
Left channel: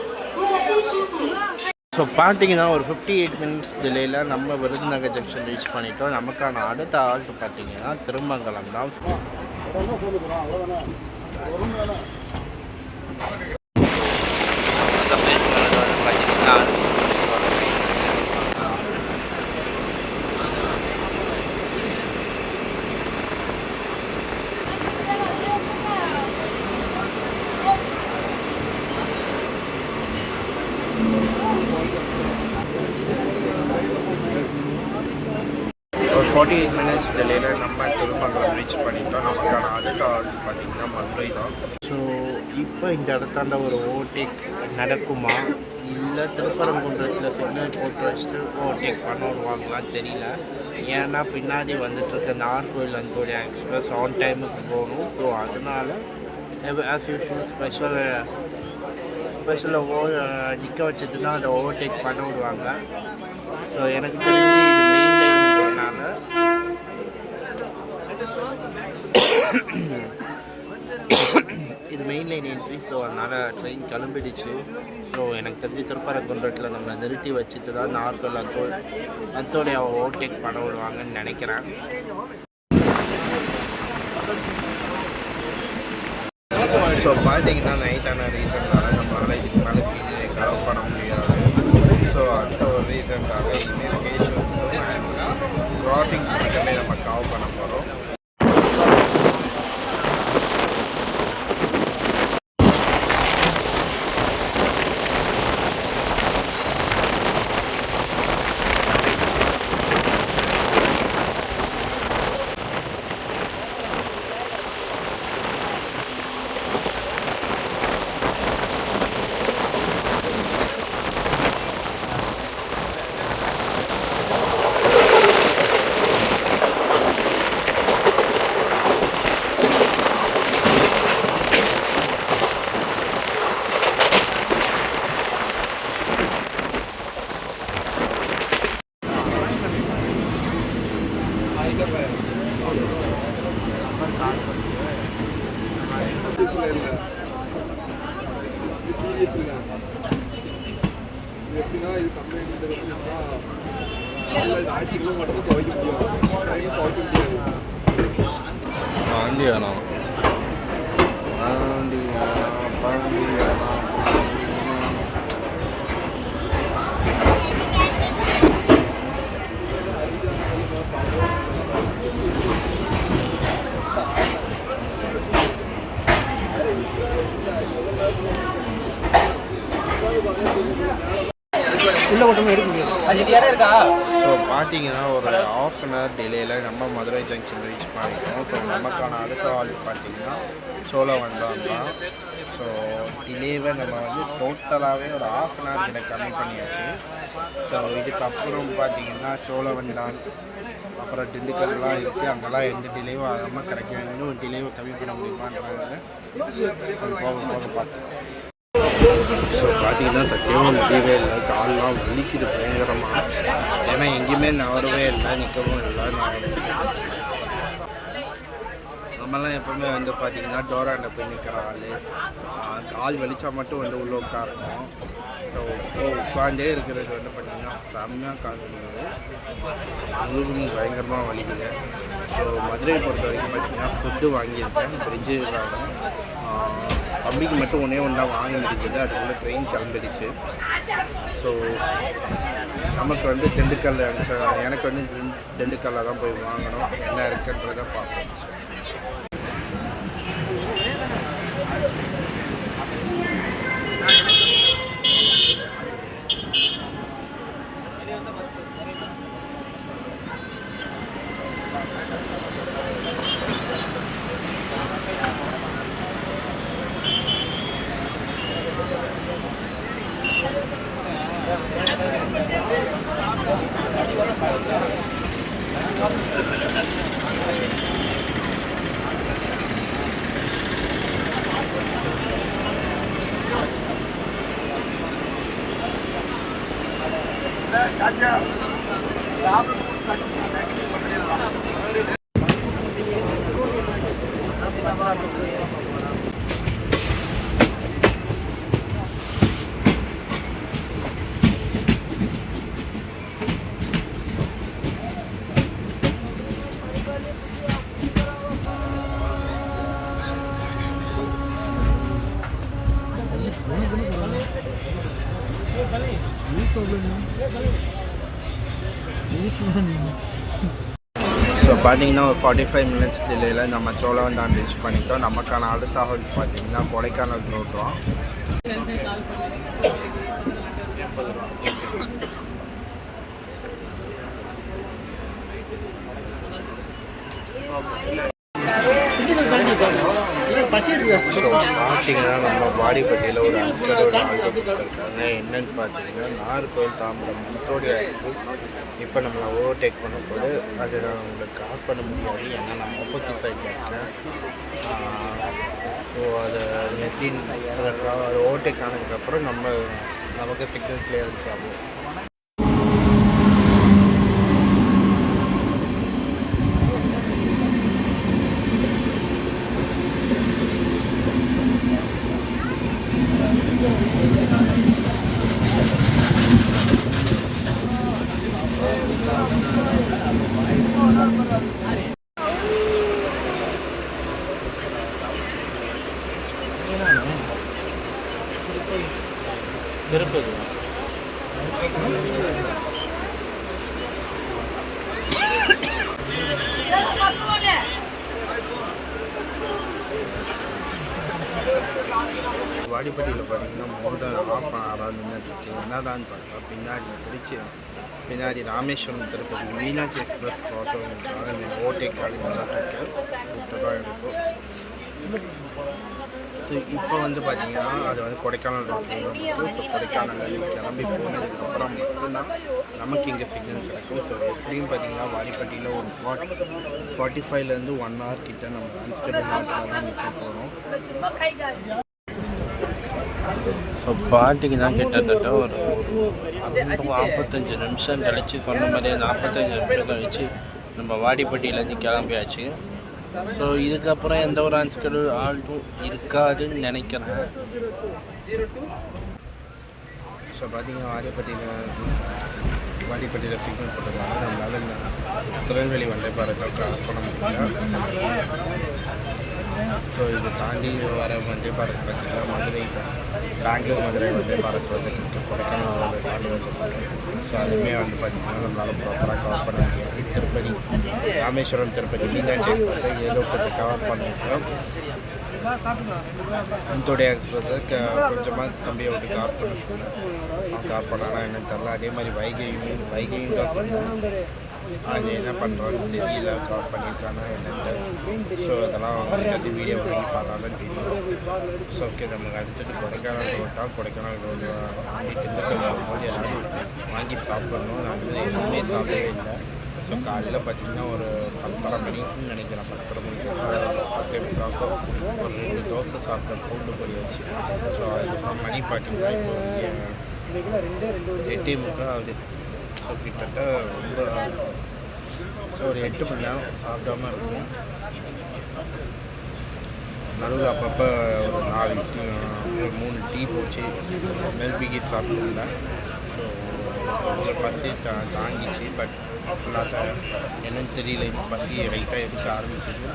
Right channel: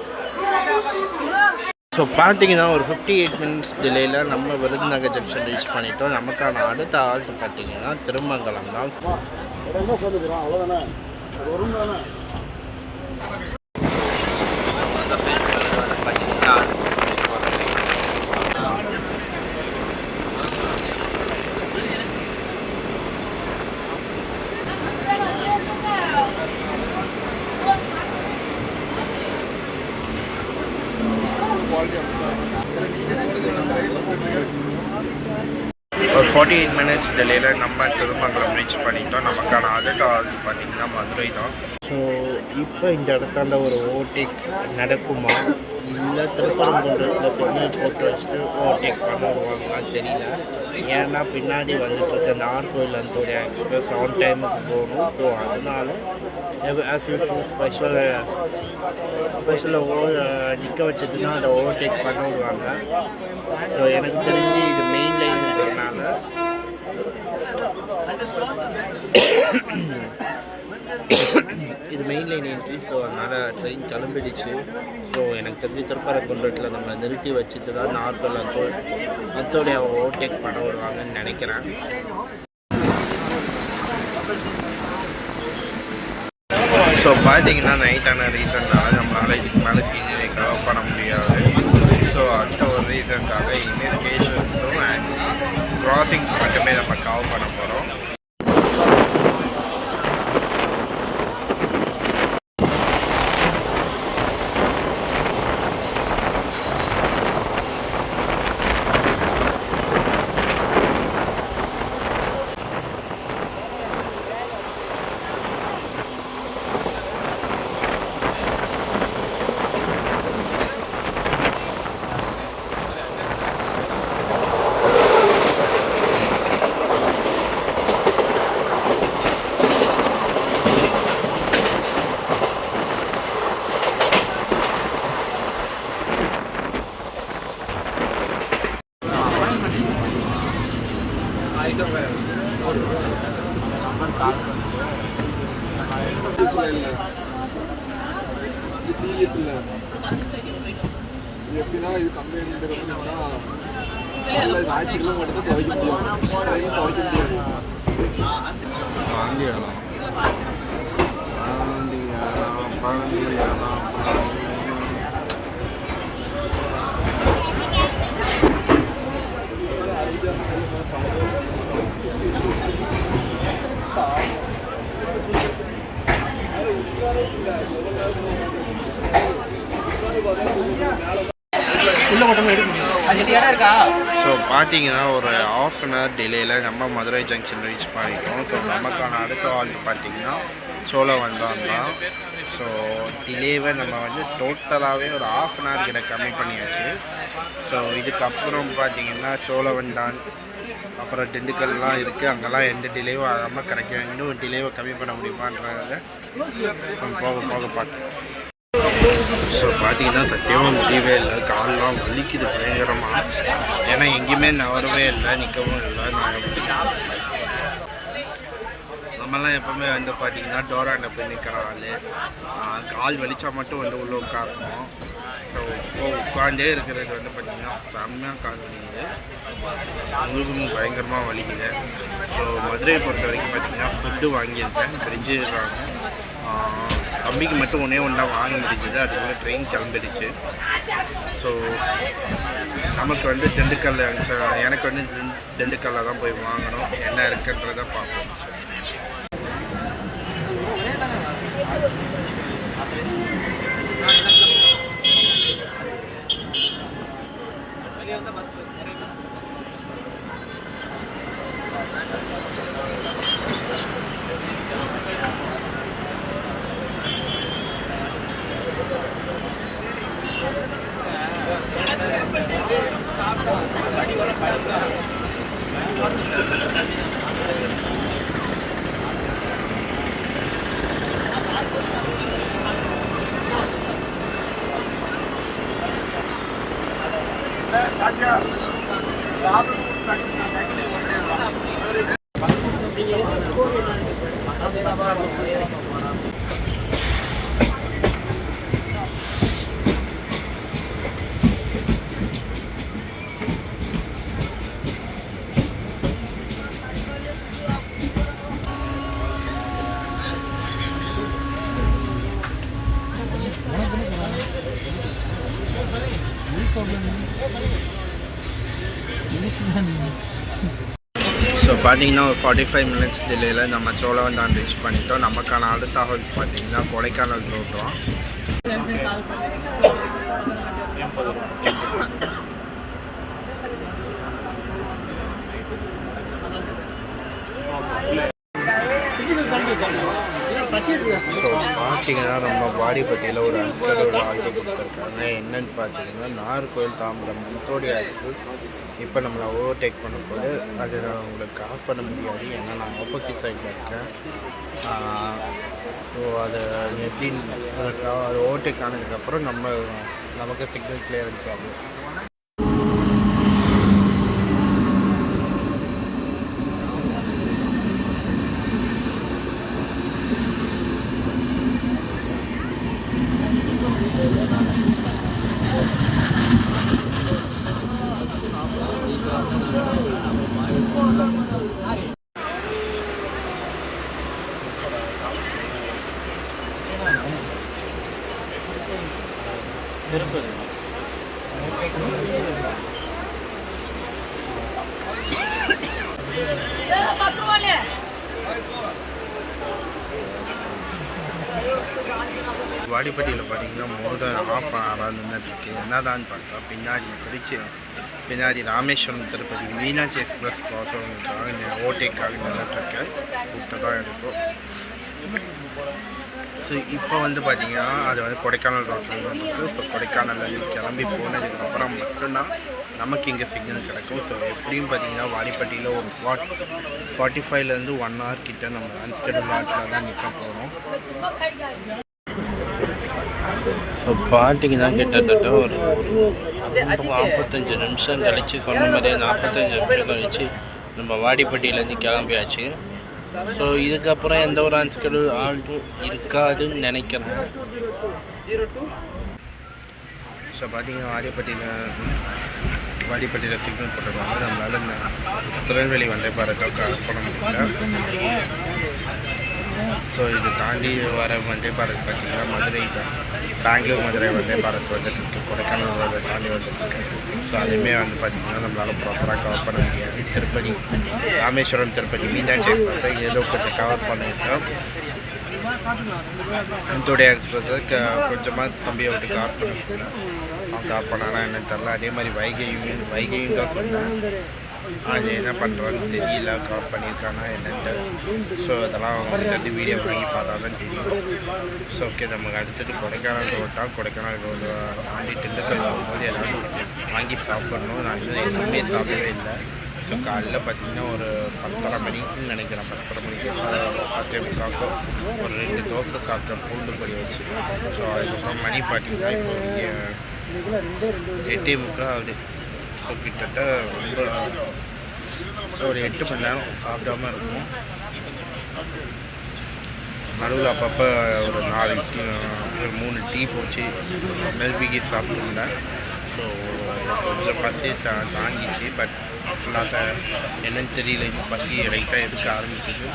ஸோ பார்த்தீங்கன்னா ஒரு 58 மினிட்ஸ் டிலேயில் நம்ம விருதுநகர் ஜங்ஷன் ரீச் பண்ணிட்டோம். நமக்கான அடுத்த ஆல்ட்டு பார்த்தீங்கன்னா திருமங்கலம் தான். ஒரு 48 மினிட்ஸ் டிலேயில் நம்ம திருமங்கலம் ரீச் பண்ணிட்டோம். நமக்கான அடுத்த ஆல்ட்டு பார்த்தீங்கன்னா மதுரை தான். ஸோ இப்போ இந்த இடத்தாண்ட ஒரு ஓவர்டேக் நடக்குமா இல்லை திருப்பரங்குன்றத்தில் சிக்னல் போட்டு வச்சுட்டு ஓவர்டேக் பண்ணிடுவாங்களான்னு தெரியல. ஏன்னா பின்னாடி வந்துட்டு இருக்க நாகர்கோவில் அந்தோடைய எக்ஸ்பிரஸ் ஆன் டைமுக்கு போகணும். ஸோ அதனால் ஆஸ் யூஷுவல் ஸ்பெஷலாக நிற்க வச்சதுன்னா அதை ஓவர்டேக் பண்ண விடுவாங்க. ஸோ எனக்கு தெரிஞ்சு இது மெயின் லைனுன்றதுனால இது மெயின் லைன் என்ட்ரி. ஸோ அதனால் ட்ரெயின் கிளம்பிடுச்சு. ஸோ எனக்கு தெரிஞ்சு திருப்பரங்குன்றத்தில் நம்மளை நிறுத்தி வச்சுட்டு தான் நார்கோவில் அத்தோடைய ஓவர்டேக் பண்ண விடுவாங்கன்னு நினைக்கிறேன். ஸோ பார்த்தீங்கன்னா நைட்டான ரீசன்னால நம்மளால் இதுக்கு மேலே சீனியரை கவர் பண்ண முடியாது. ஸோ அந்த ஒரு ரீசனுக்காக இனிமேல் ஸ்டேஷன்ஸும் அண்ட் கிராசிங்ஸ் மட்டுமே நம்ம கவர் பண்ண போகிறோம். எப்படின்னா இது கம்பெனிங்கிறது ஞாயிற்றுக்கிழமை மட்டும் துவைக்க முடியும், துவைக்க முடியாது. பாண்டியானா ஸோ பார்த்தீங்கன்னா ஒரு ½ அன் ஹவர் டிலேயில் நம்ம மதுரை ஜங்ஷன் ரீச் பண்ணிட்டோம். ஸோ நமக்கான அடுத்த ஆல்ட் பார்த்தீங்கன்னா சோழவந்தான் தான். ஸோ டிலேவை நம்ம வந்து டோட்டலாகவே ஒரு ½ அன் ஹவர் கிட்ட கம்மி பண்ணியாச்சு. ஸோ இதுக்கப்புறம் பார்த்தீங்கன்னா சோழவந்தான் அப்புறம் திண்டுக்கல்லாம் இருக்குது. அங்கெல்லாம் எந்த டிலேவும் ஆகாமல் கிடைக்கும். இன்னும் டிலேவை கம்மி பண்ண முடியுமான்றத போக போக பார்க்கலாம். ஸோ பார்த்தீங்கன்னா சத்தியமாக முடியவே இல்லை, கால்லாம் வலிக்குது பயங்கரமாக. ஏன்னா எங்கேயுமே நவரவே இல்லை, நிற்கவும் இல்லை. நம்மலாம் எப்போவுமே வந்து பார்த்திங்கன்னா டோராண்ட போய் நிற்கிற ஆள், கால் வலிச்சா மட்டும் வந்து உள்ளே உட்காரணும். ஸோ உட்காண்டே இருக்கிறது வந்து பார்த்திங்கன்னா செம்மையாக கால் வலிக்குது, முழுகும் பயங்கரமாக வலிக்குது. ஸோ மதுரையை பொறுத்த வரைக்கும் பார்த்திங்கன்னா ஃபுட்டு வாங்கியிருக்கேன், ஃப்ரிட்ஜு இருக்காங்க. தம்பிக்கு மட்டும் ஒன்றே தான் வாங்க முடிஞ்சது, அதுக்குள்ளே ட்ரெயின் கிளம்பிடுச்சு. ஸோ நமக்கு வந்து திண்டுக்கல்ல எனக்கு வந்து திண்டுக்கல்ல தான் போய் வாங்கணும், என்ன இருக்குன்றதை பார்ப்போம். ஸோ பார்த்தீங்கன்னா ஒரு 45 மினிட்ஸ் டிலேயில் நம்ம சோழவந்தான் ரீச் பண்ணிட்டோம். நமக்கான அடுத்த ஹால் பார்த்தீங்கன்னா கொடைக்கானல் ரோட்டோம். ஸோ பார்த்தீங்கன்னா நம்ம வாடிப்பட்டியில் ஒரு அன்ஸ்கடோட ஆல்டோ கொடுத்துருக்காங்க. என்னன்னு பார்த்தீங்கன்னா நாகர்கோவில் தாம்பரம் மந்த்ரோடியா எக்ஸ்பிரஸ் இப்போ நம்மளை ஓவர்டேக் பண்ணும்போது அது நான் உங்களுக்கு கால் பண்ண முடியாது, ஏன்னா நான் ஆப்போசிட் சைடில் இருக்கேன். ஸோ அதை எப்படின்னு அது ஓவர்டேக் ஆனதுக்கப்புறம் நமக்கு சிக்னல் கிளியரன்ஸ் ஆகும். வாடிப்பட்டியில் பார்த்தீங்கன்னா மோர் தென் ஹாஃப் அன் ஹவராக நின்றுட்டுருக்கு. என்னதான்னு பார்த்தா பின்னாடி ராமேஸ்வரம் திருப்பதி மீனாட்சி எக்ஸ்பிரஸ் க்ராஸுக்காக ஓவர்டேக்காக நின்றுட்டுருக்கு. கூப்பிட்டு தான் எடுக்கும். ஸோ இப்போ வந்து பார்த்திங்கன்னா அது வந்து கொடைக்கானல் ரோட்டில் இருக்குது. ஸோ கொடைக்கானலில் கிளம்பி போனதுக்கப்புறம் மட்டும்தான் நமக்கு இங்கே சிக்னல் கிடைக்கும். ஸோ எப்படியும் பார்த்திங்கன்னா வாடிப்பட்டியில் ஒரு 45லேருந்து 1 hour கிட்ட நம்ம அன்ஸ்கெடியூல் ஆட்டில் தான் நிற்க போகிறோம். ஸோ பார்த்தீங்கன்னா கிட்டத்தட்ட ஒரு 45 நிமிஷம் கழித்து சொன்ன மாதிரியே 45 நிமிஷம் கழித்து நம்ம வாடிப்பட்டியிலேருந்து கிளம்பியாச்சு. ஸோ இதுக்கப்புறம் எந்த ஒரு அன்ஸ்கெடியூல் ஆல்ட்டும் இருக்காதுன்னு நினைக்கிறேன். ஸோ பார்த்தீங்கன்னா வாடிப்பட்டியில் சிக்னல் போட்டதுனால நம்மளால் இந்த திருநெல்வேலி வந்தே பாரத்தை கவர் பண்ண முடியல. ஸோ இது தாண்டி வர வந்தே பாரத் பார்த்திங்கன்னா பெங்களூர் மதுரை வந்தே பாரத் வந்துட்டுருக்கு, கொடைக்கானல் தாண்டி வந்துட்டுருக்கு. ஸோ அதுவுமே வந்து பார்த்திங்கன்னா நம்மளால் ப்ராப்பராக கவர் பண்ண முடியாது. திருப்பதி ராமேஸ்வரம் திருப்பதி மீனாட்சி எக்ஸ்பிரஸை ஏதோ கொஞ்சம் கவர் பண்ணியிருக்கோம். அந்தோடைய எக்ஸ்பிரஸை கொஞ்சமாக தம்பியை விட்டு கவர் பண்ண சொன்னேன். அவன் கவர் பண்ணானா என்னன்னு தெரில. அதே மாதிரி வைகையும் தான் சொன்னேன். அது என்ன பண்ணுறான்னு தெரியல, கவர் பண்ணியிருக்கானா என்னென்ட்டு. ஸோ அதெல்லாம் அவங்கள்ட்ட வீடியோ வாங்கி பார்த்தா தான் தெரியும். ஸோ ஓகே, நமக்கு அடுத்தது கொடைக்கானல் கொடைக்கானல் ரோடு தாண்டி திண்டுக்கல் போகும்போது எல்லோரும் வாங்கி சாப்பிட்ணும். நான் இன்னும் எதுவுமே சாப்பிடவே இல்லை. ஸோ காலையில் பார்த்திங்கன்னா ஒரு 10:30 மணிக்குன்னு நினைக்கிறேன். 10:30 மணிக்கு 10:30 ஒரு 2 தோசை சாப்பிட்டேன் பூண்டு பொடி வச்சு. ஸோ அதுக்கப்புறம் மணி பார்த்திங்கன்னா இப்போ 8:45 ஆகுது. ஸோ கிட்டத்தட்ட ரொம்ப ஒரு 8 மணி நேரம் சாப்பிடாமல் இருக்கும். நடுவில் அப்பப்போ ஒரு 4 டீ ஒரு 3 டீ போச்சு மெல்பிகி சாப்பிட்டுருந்தேன். ஸோ கொஞ்சம் பசி தாங்கிச்சு. பட் ஃபுல்லாக என்னன்னு தெரியல, இப்போ பசி ரைட்டாக எடுக்க ஆரம்பிக்குது.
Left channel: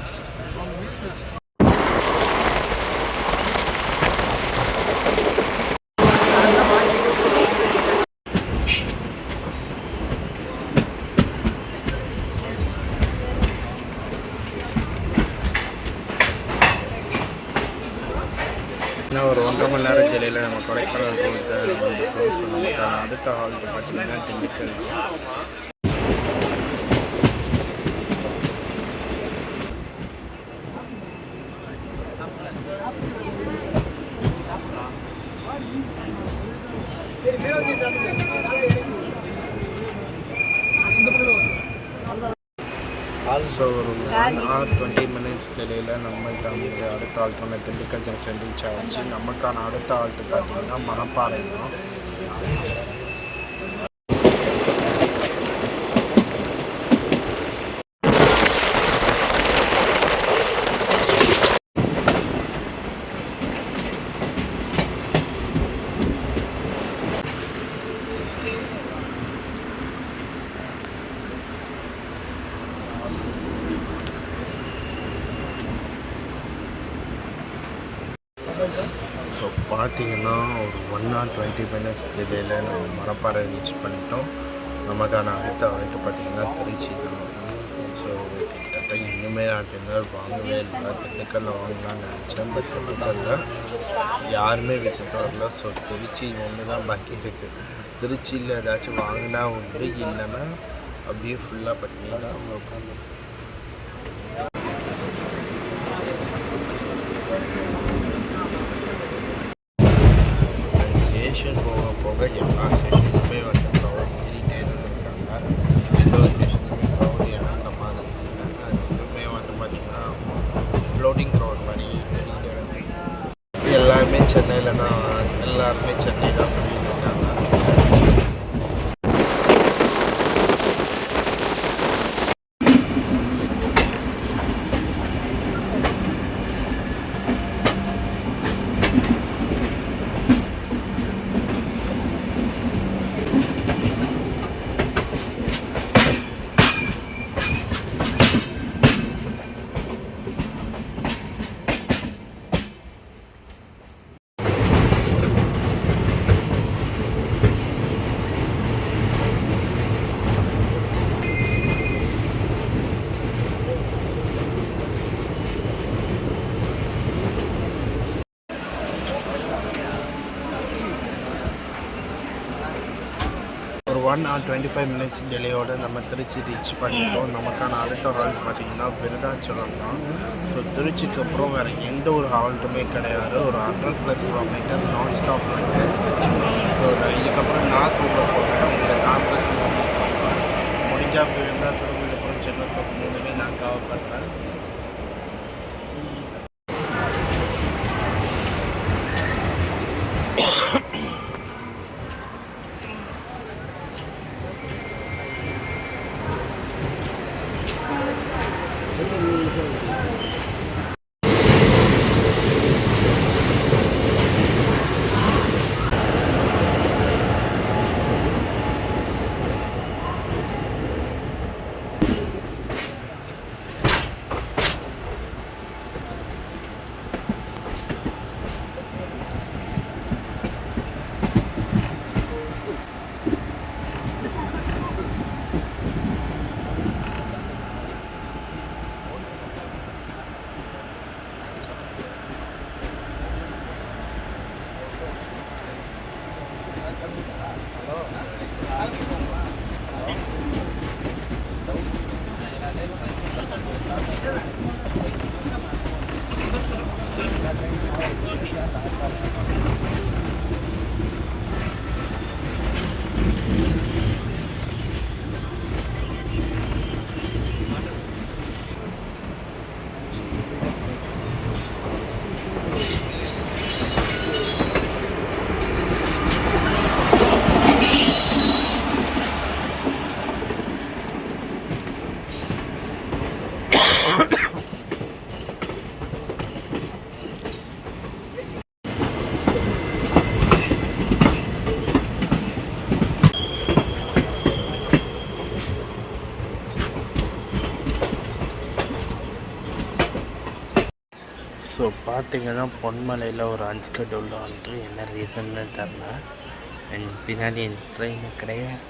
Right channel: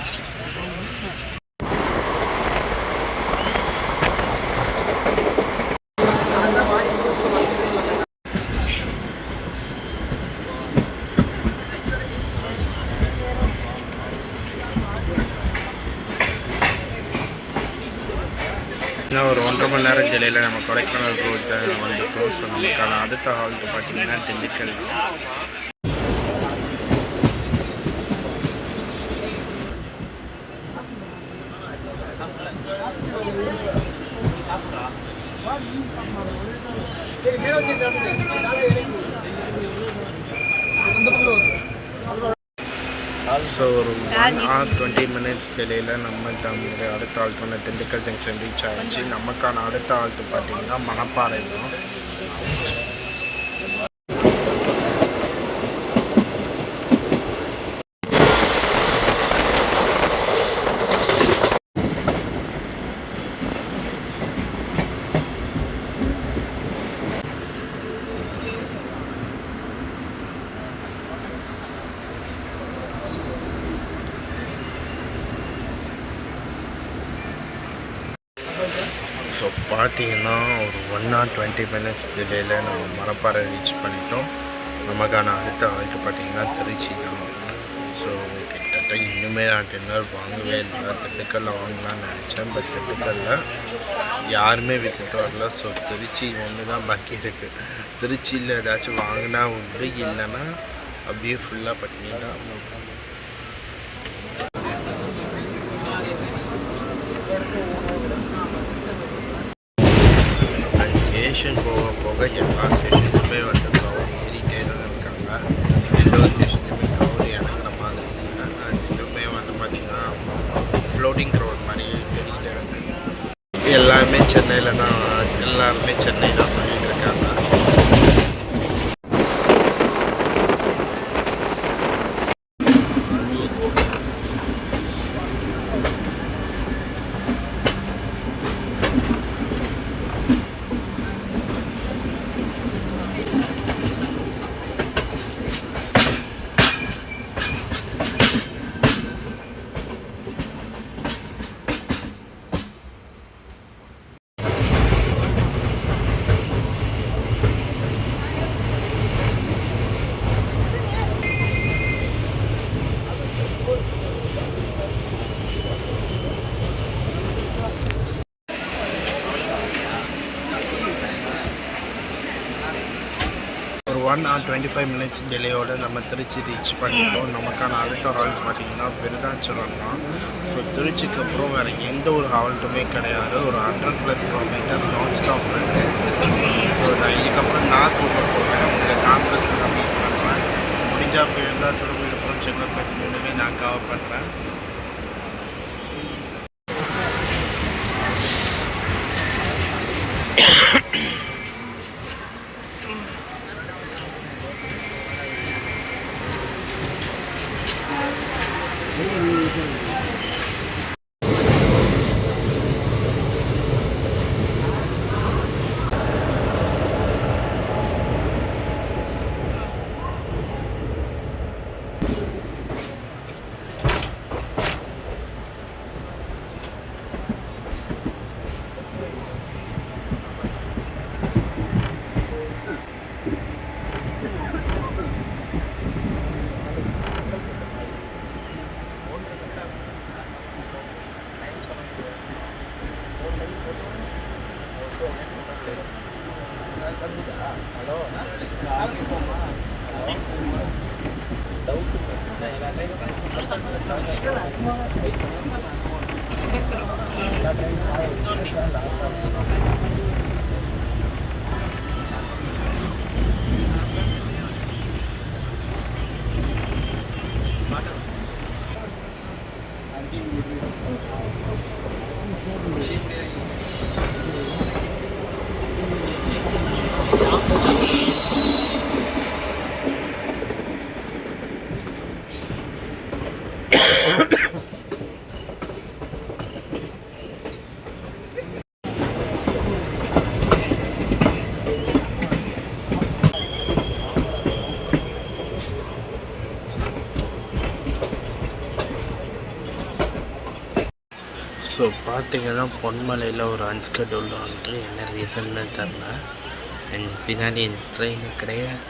இன்னும் ஒரு 1.5 மணி நேரம் டிலேயில் நம்ம கொடைக்கானல் ரோட்டை வந்துட்டோம். ஸோ நமக்கான அடுத்த ஹால்ட்டு பார்த்திங்கன்னா திண்டுக்கல் தான். ஸோ ஒரு 1 hour 20 minutes டிலேயில் நம்மள்கிட்ட அடுத்த ஆல்ட்டான திண்டுக்கல் ஜங்ஷன் ரீச் ஆகிடுச்சு. நமக்கான அடுத்த ஆல்ட்டு பார்த்திங்கன்னா மணப்பாறை தான். ஸோ பார்த்தீங்கன்னா ஒரு 1 hour 20 minutes டிலேயில் நம்ம மணப்பாறை ரீச் பண்ணிட்டோம். நமக்கான அடுத்த ஆல்ட்டு பார்த்தீங்கன்னா திருச்சி தான். ஸோ கிட்டத்தட்ட இன்னுமே நான் டின்னர் வாங்கவே இல்லை. திண்டுக்கல்லில் வாங்கலாம்னு நினச்சேன், பட் திண்டுக்கல்லில் யாருமே விற்றுட்டு வரல. ஸோ திருச்சி ஒன்று தான் பாக்கி இருக்குது. திருச்சியில் ஏதாச்சும் வாங்கினா உண்டு, இல்லைன்னா அப்படியே ஃபுல்லாக பண்ணி தான். ஸ்டேஷன் போக போக எல்லா ஸ்டேஷனுமே வந்து க்ரௌட் ஏறிட்டே தான் இருக்காங்க. எந்த ஒரு ஸ்டேஷனுமே க்ரௌட் இறங்குற மாதிரி இல்லை. அது இன்னுமே வந்து பார்த்திங்கன்னா ஃப்ளோட்டிங் க்ரௌட் மாதிரியே தெரியல எனக்கு. எல்லாருமே சென்னை தான் சொல்லிட்டு இருக்காங்க. ஒரு 1 hour 25 minutes டிலேயோடு நம்ம திருச்சி ரீச் பண்ணிட்டோம். நமக்கான அடுத்த ஹால்ட் பார்த்திங்கன்னா விருதாச்சலம் தான். ஸோ திருச்சிக்கு அப்புறம் வேறு எந்த ஒரு ஹால்ட்டுமே கிடையாது. ஒரு 100+ kilometers நான் ஸ்டாப் ரன்னு. ஸோ நான் இதுக்கப்புறம் நான் தூங்க போகிறேன். உங்களை தாம்பரத்தில் நான் மீட் பண்ணுறேன். முடிஞ்சால் விருதாச்சலம், விழுப்புரம், செங்கல்பட்டு மூணுமே நான் கவர் பண்ணுறேன். ஸோ பார்த்தீங்கன்னா பொன்மலையில் ஒரு அன்ஸ்கெட்யூல்டு வந்துட்டு என்ன ரீசன்னு தெரில. அண்ட் பின்னாடி ட்ரெயின் கிடையாது.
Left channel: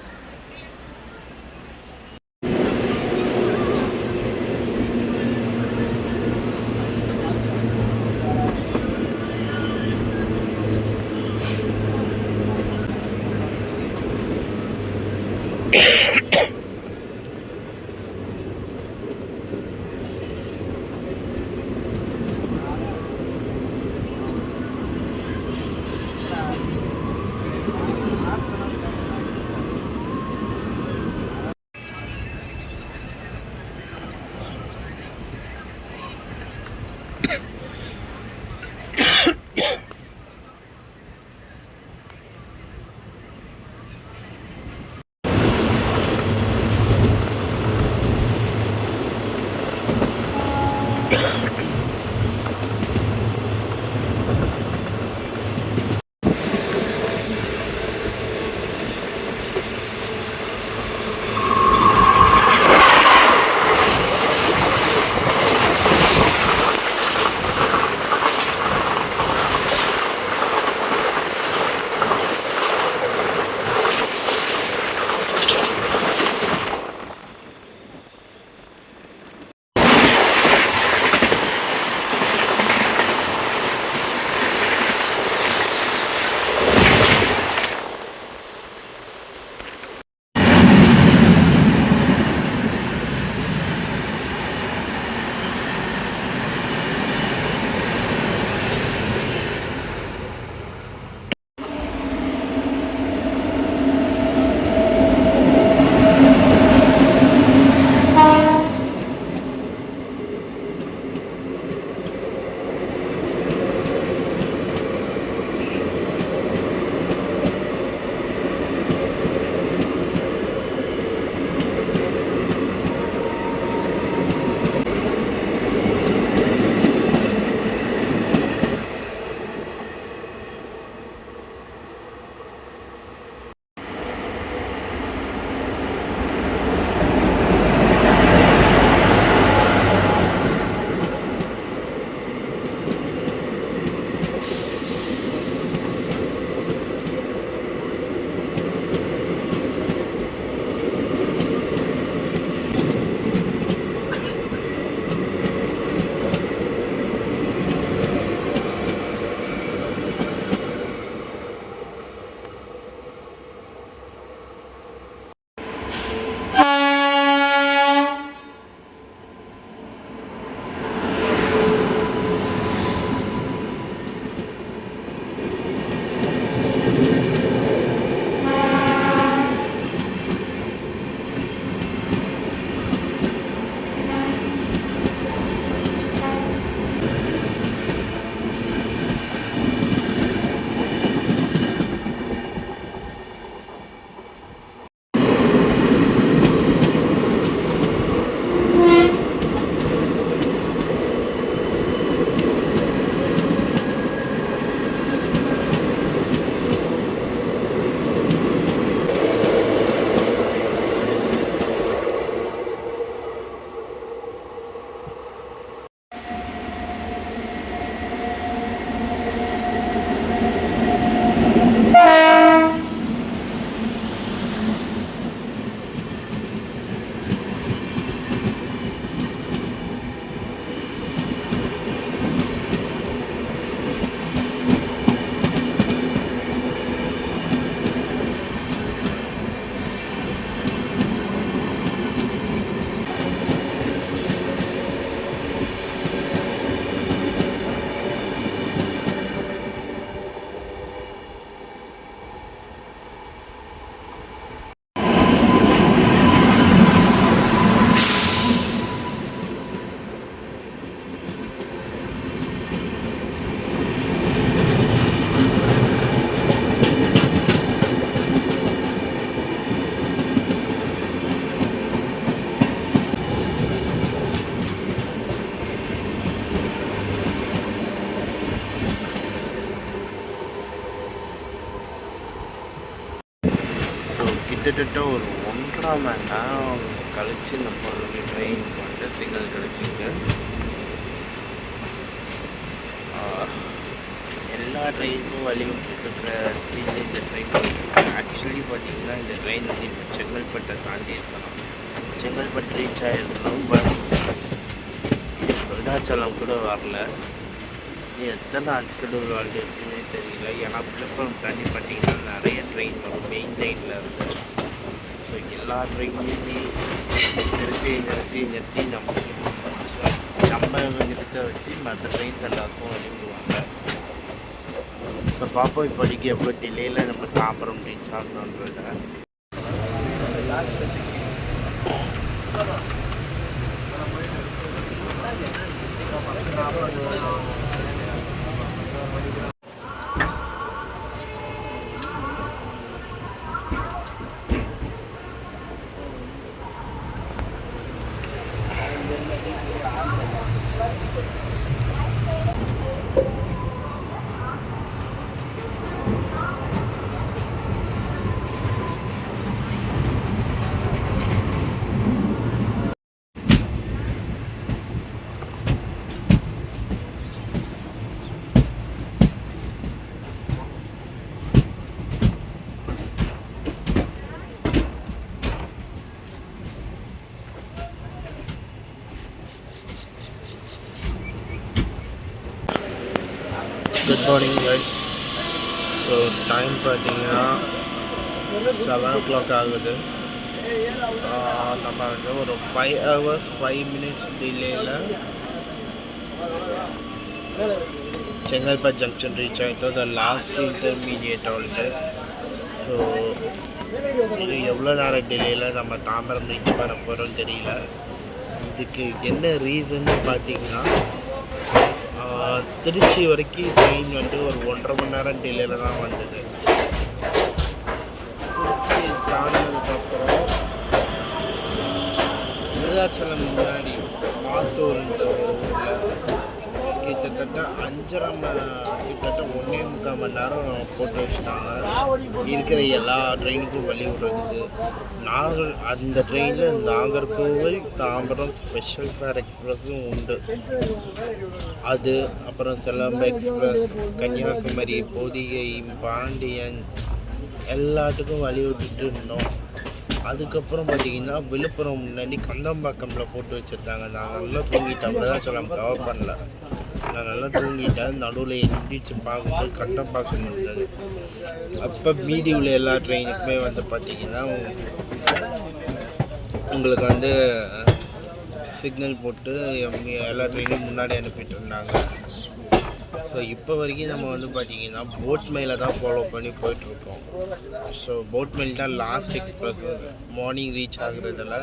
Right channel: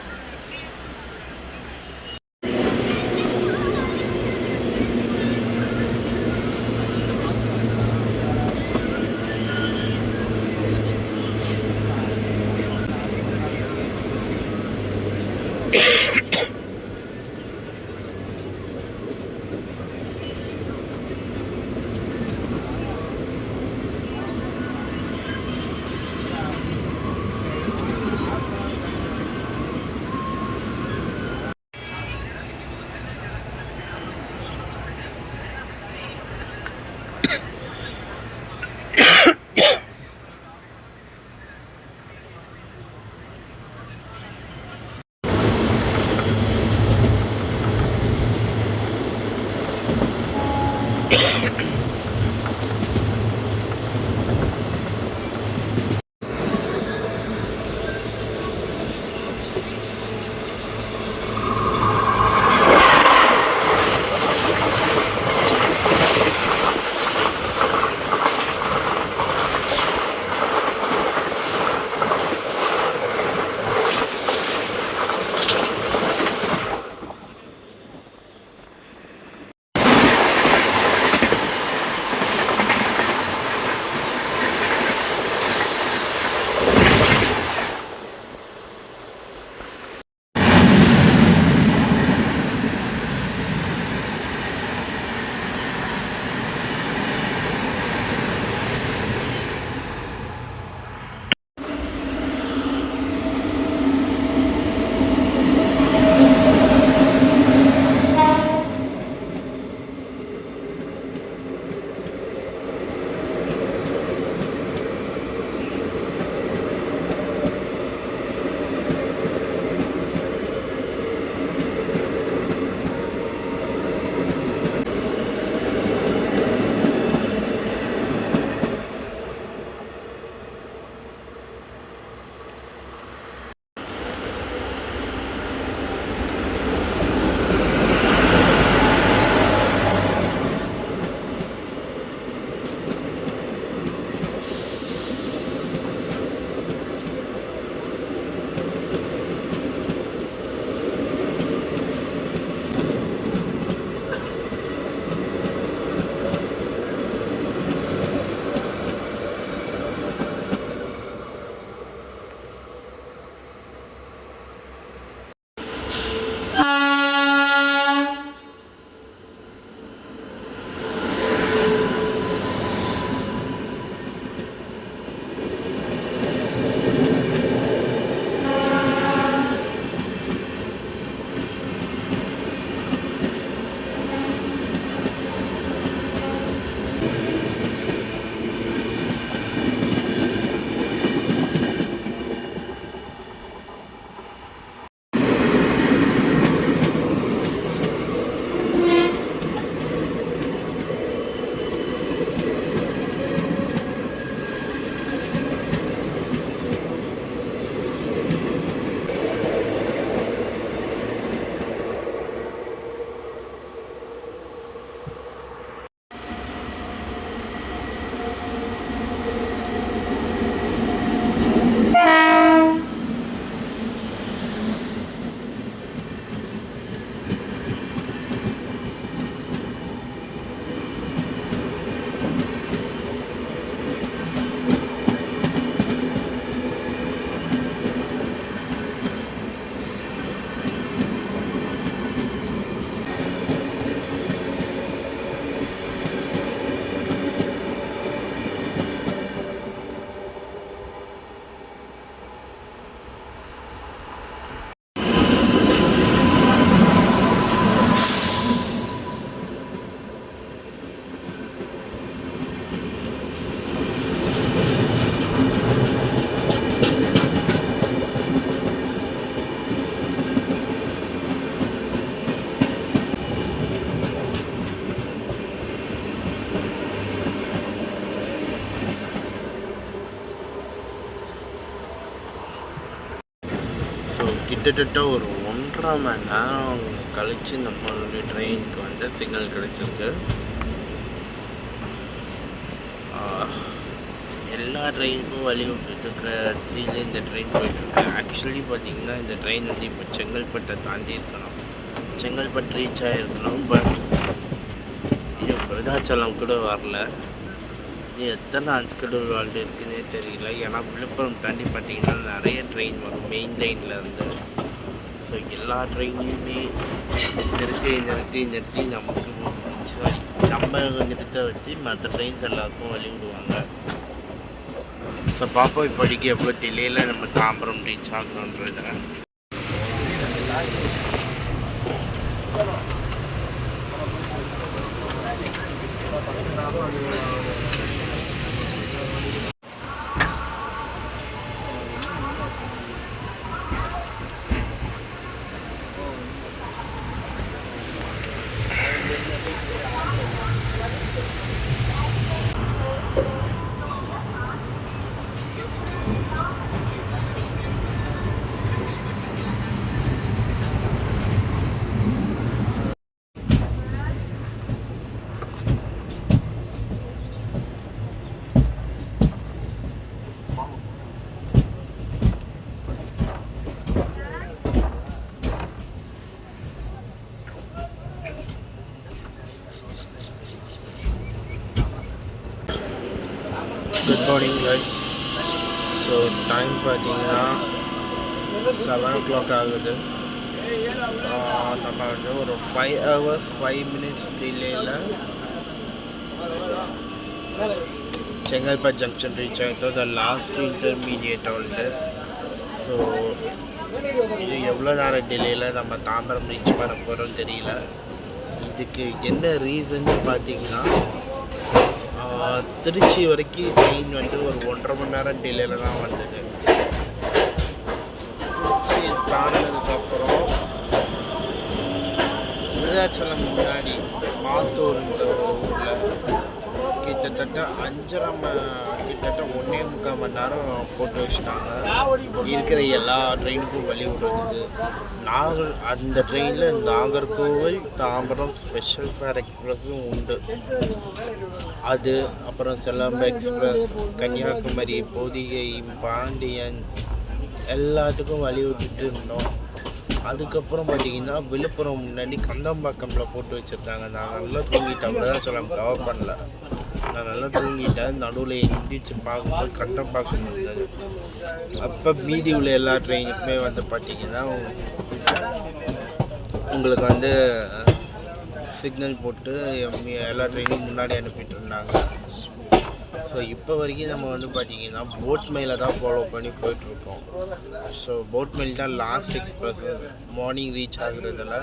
ஸோ கிட்டத்தட்ட ஒரு 1.5 மணி நேரம் கழித்து நம்மளுடைய ட்ரெயினுக்கு வந்து சிக்னல் கிடச்சிருக்கு. எல்லா ட்ரெயினுக்கும் வழி விட்டுருக்கிற இடத்துல இந்த ட்ரெயின் போயிட்டுருக்கு. ஆக்சுவலி பார்த்திங்கன்னா இந்த ட்ரெயின் வந்து இப்போ செங்கல்பட்டை தாண்டி இருக்கணும், செங்கல்பட்டு ரீச் ஆகிருக்கணும். பட் இது விருதாச்சலம் கூட வரல. இது எத்தனை அன்ஸ்கெடியூல் வாழ்க்கை இருக்குதுன்னே தெரியல. ஏன்னா விழுப்புரம் தாண்டி பார்த்திங்கன்னா நிறைய ட்ரெயின் வரும் மெயின் லைனில் இருந்து. ஸோ எல்லா ட்ரெயினையுமே நிறுத்தி நமக்கு நம்ம நிறுத்த வச்சு மற்ற ட்ரெயின்ஸ் எல்லாருக்கும் வழி விடுவாங்க. ஸோ பார்ப்போம் இப்போதைக்கு எவ்வளோ டிலேயில் நம்ம தாம்பரம் ரீச் ஆகணுன்றத. Good morning guys. So time பார்த்தீங்கன்னா 7 o'clock ஆகுது. நம்ம வந்து ஒரு 5 hours 5 minutes டிலேயில் செங்கல்பட்டு ஜங்ஷன் ரீச் ஆகிட்டோம். The last intermediate halt. So இது எவ்வளோ நேரம் டிலேயில் நம்ம தாம்பரம் ரீச் பண்ண போகிறோம்னு தெரியல. இதுக்கு என்ன ரீசன்னு பார்த்தீங்கன்னா திருச்சி வரைக்கும் ட்ரெயின் வந்து ஒரு 1.5 மணி நேரம் டிலேயில் தான் வந்தது. திருச்சி தாண்டினதுக்கப்புறம் விருதாச்சலம் முன்னாடி மாத்தூர்ன்ற ஊரில் கிட்டத்தட்ட 1.25 மணி நேரம் போட்டு வச்சுட்டாங்க. இருக்கிற எல்லா ட்ரெயினுக்கும் வழி விடுறது. அந்த ட்ரெயினில் நாகர்கோவில் தாம்பரம் ஸ்பெஷல் ஃபேர் எக்ஸ்பிரஸும் உண்டு. அது அப்புறம் செல்லம்பு எக்ஸ்பிரஸ், கன்னியாகுமரி, பொதிகை, பாண்டியன் எல்லாத்துக்கும் வழி விட்டுட்டு இருந்தோம். அதுக்கப்புறம் பார்த்திங்கன்னா விழுப்புரம் முன்னாடி கந்தம்பாக்கமில் போட்டு வச்சுருக்காங்க. நான் நல்லா தூங்கிட்டேன். விருதாச்சலம் கவர் பண்ணல. நான் நல்லா தூங்கிட்டேன். நடுவில் எந்திரிச்சு பார்க்கும்போது கந்தம்பாக்கம் இருந்தது. அப்போ மீதி உள்ள எல்லா ட்ரெயினுக்குமே வந்து பார்த்திங்கன்னா உங்களுக்கு வந்து சிக்னல் போட்டு எல்லா ட்ரெயினும் முன்னாடி அனுப்பிட்டு இருந்தாங்க. ஸோ இப்போ வரைக்கும் நம்ம வந்து பார்த்திங்கன்னா போட் மெயிலை தான் ஃபாலோ பண்ணி போயிட்டுருக்கோம். ஸோ போட் மெயில் தான் லாஸ்ட் எக்ஸ்பிரஸ் மார்னிங் ரீச் ஆகுறதில்ல.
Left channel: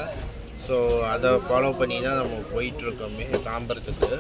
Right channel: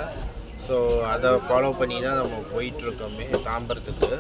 ஸோ அதை ஃபாலோ பண்ணி தான் நம்ம போயிட்டுருக்கோமே தாம்பரத்துக்கு.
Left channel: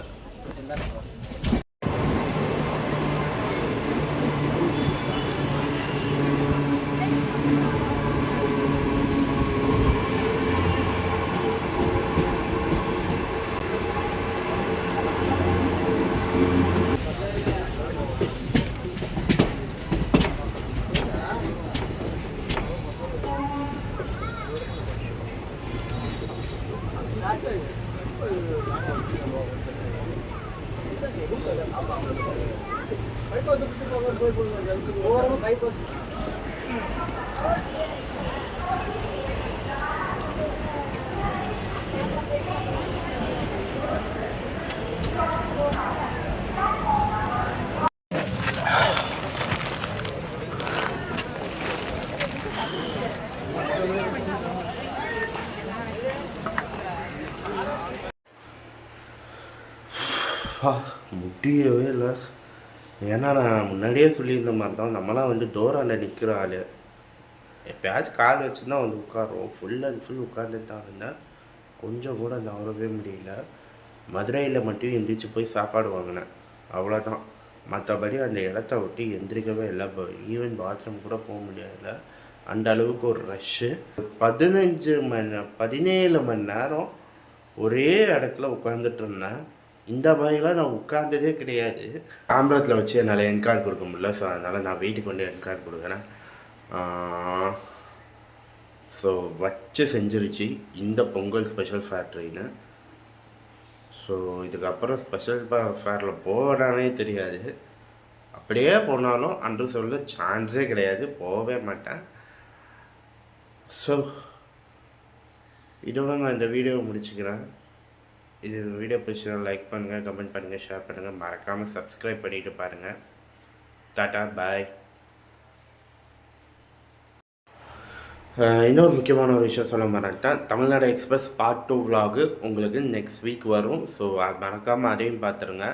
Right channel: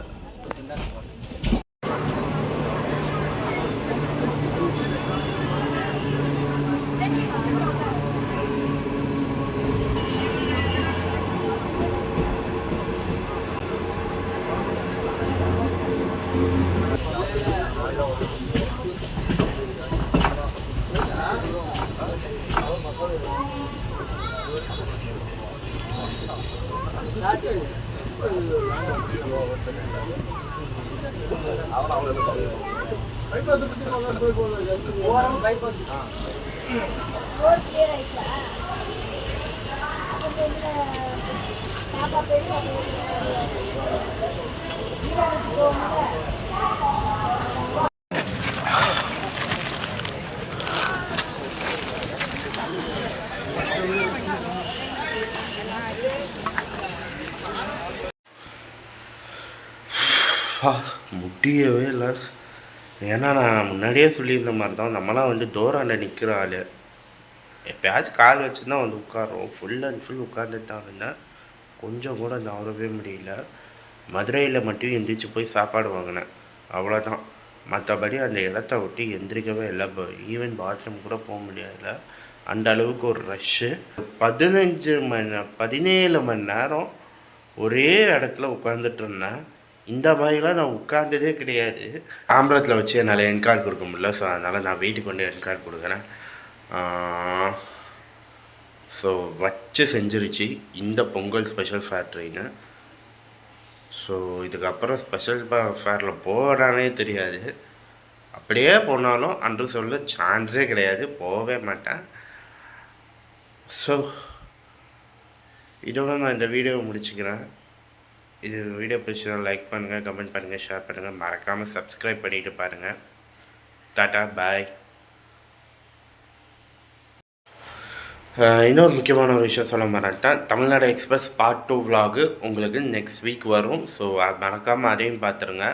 முடியவே இல்லை. ஏன்னா நான் முன்னாடியே சொல்லியிருந்த மாதிரி தான் நம்மளாம் வந்து டோராண்ட நிற்கிற ஆள். எப்போயாச்சும் கால் வச்சு தான் வந்து உட்காரோம். ஃபுல் அண்ட் ஃபுல் உட்காந்துட்டு தான் இருந்தேன். கொஞ்சம் கூட நவரவே முடியல. மதுரையில் மட்டும் எந்திரிச்சு போய் சாப்பாடு வாங்கினேன், அவ்வளோதான். மற்றபடி அந்த இடத்த விட்டு எந்திரிக்கவே இல்லை. ஈவன் பாத்ரூம் கூட போக முடியல. அந்த அளவுக்கு ஒரு ரஷ்ஷு. 17 மணி நேரம் ஒரே இடத்துல உட்காந்துட்டு இருந்தேன். இந்த மாதிரிலாம் நான் உட்கார்ந்ததே கிடையாது. தாம்பரத்தில் வச்சு என்னால் என் கார்டு கொடுக்க முடியல. ஸோ அதனால் நான் வீட்டுக்கு வந்து என் கார்டு கொடுக்குறேன். ஸோ வச்சு செஞ்சிருச்சு இந்த Pongal special fair train. So இதுக்கப்புறம் ஸ்பெஷல் ஃபேரில் போகிறானே தெரியாது. அப்படியே போனாலும் அன்று சொல்ல சான்ஸே கிடையாது, போகவே மாட்டேன். ஸோ இதோட நான் இந்த வீடியோவை முடிச்சுக்கிறேன். இது வீடியோ பிடிச்சா லைக் பண்ணுங்கள், கமெண்ட் பண்ணுங்கள், ஷேர் பண்ணுங்கள், மறக்காமல் சப்ஸ்கிரைப் பண்ணிவிட்டு பாருங்கள். டாட்டா பாய். இன்னொரு முக்கியமான ஒரு விஷயம் சொல்ல மாட்டேன். தமிழ்நாடு எக்ஸ்பிரஸ் பார்ட் 2 vlog உங்களுக்கு நெக்ஸ்ட் வீக் வரும். ஸோ அது மறக்காமல் அதையும் பார்த்துருங்க.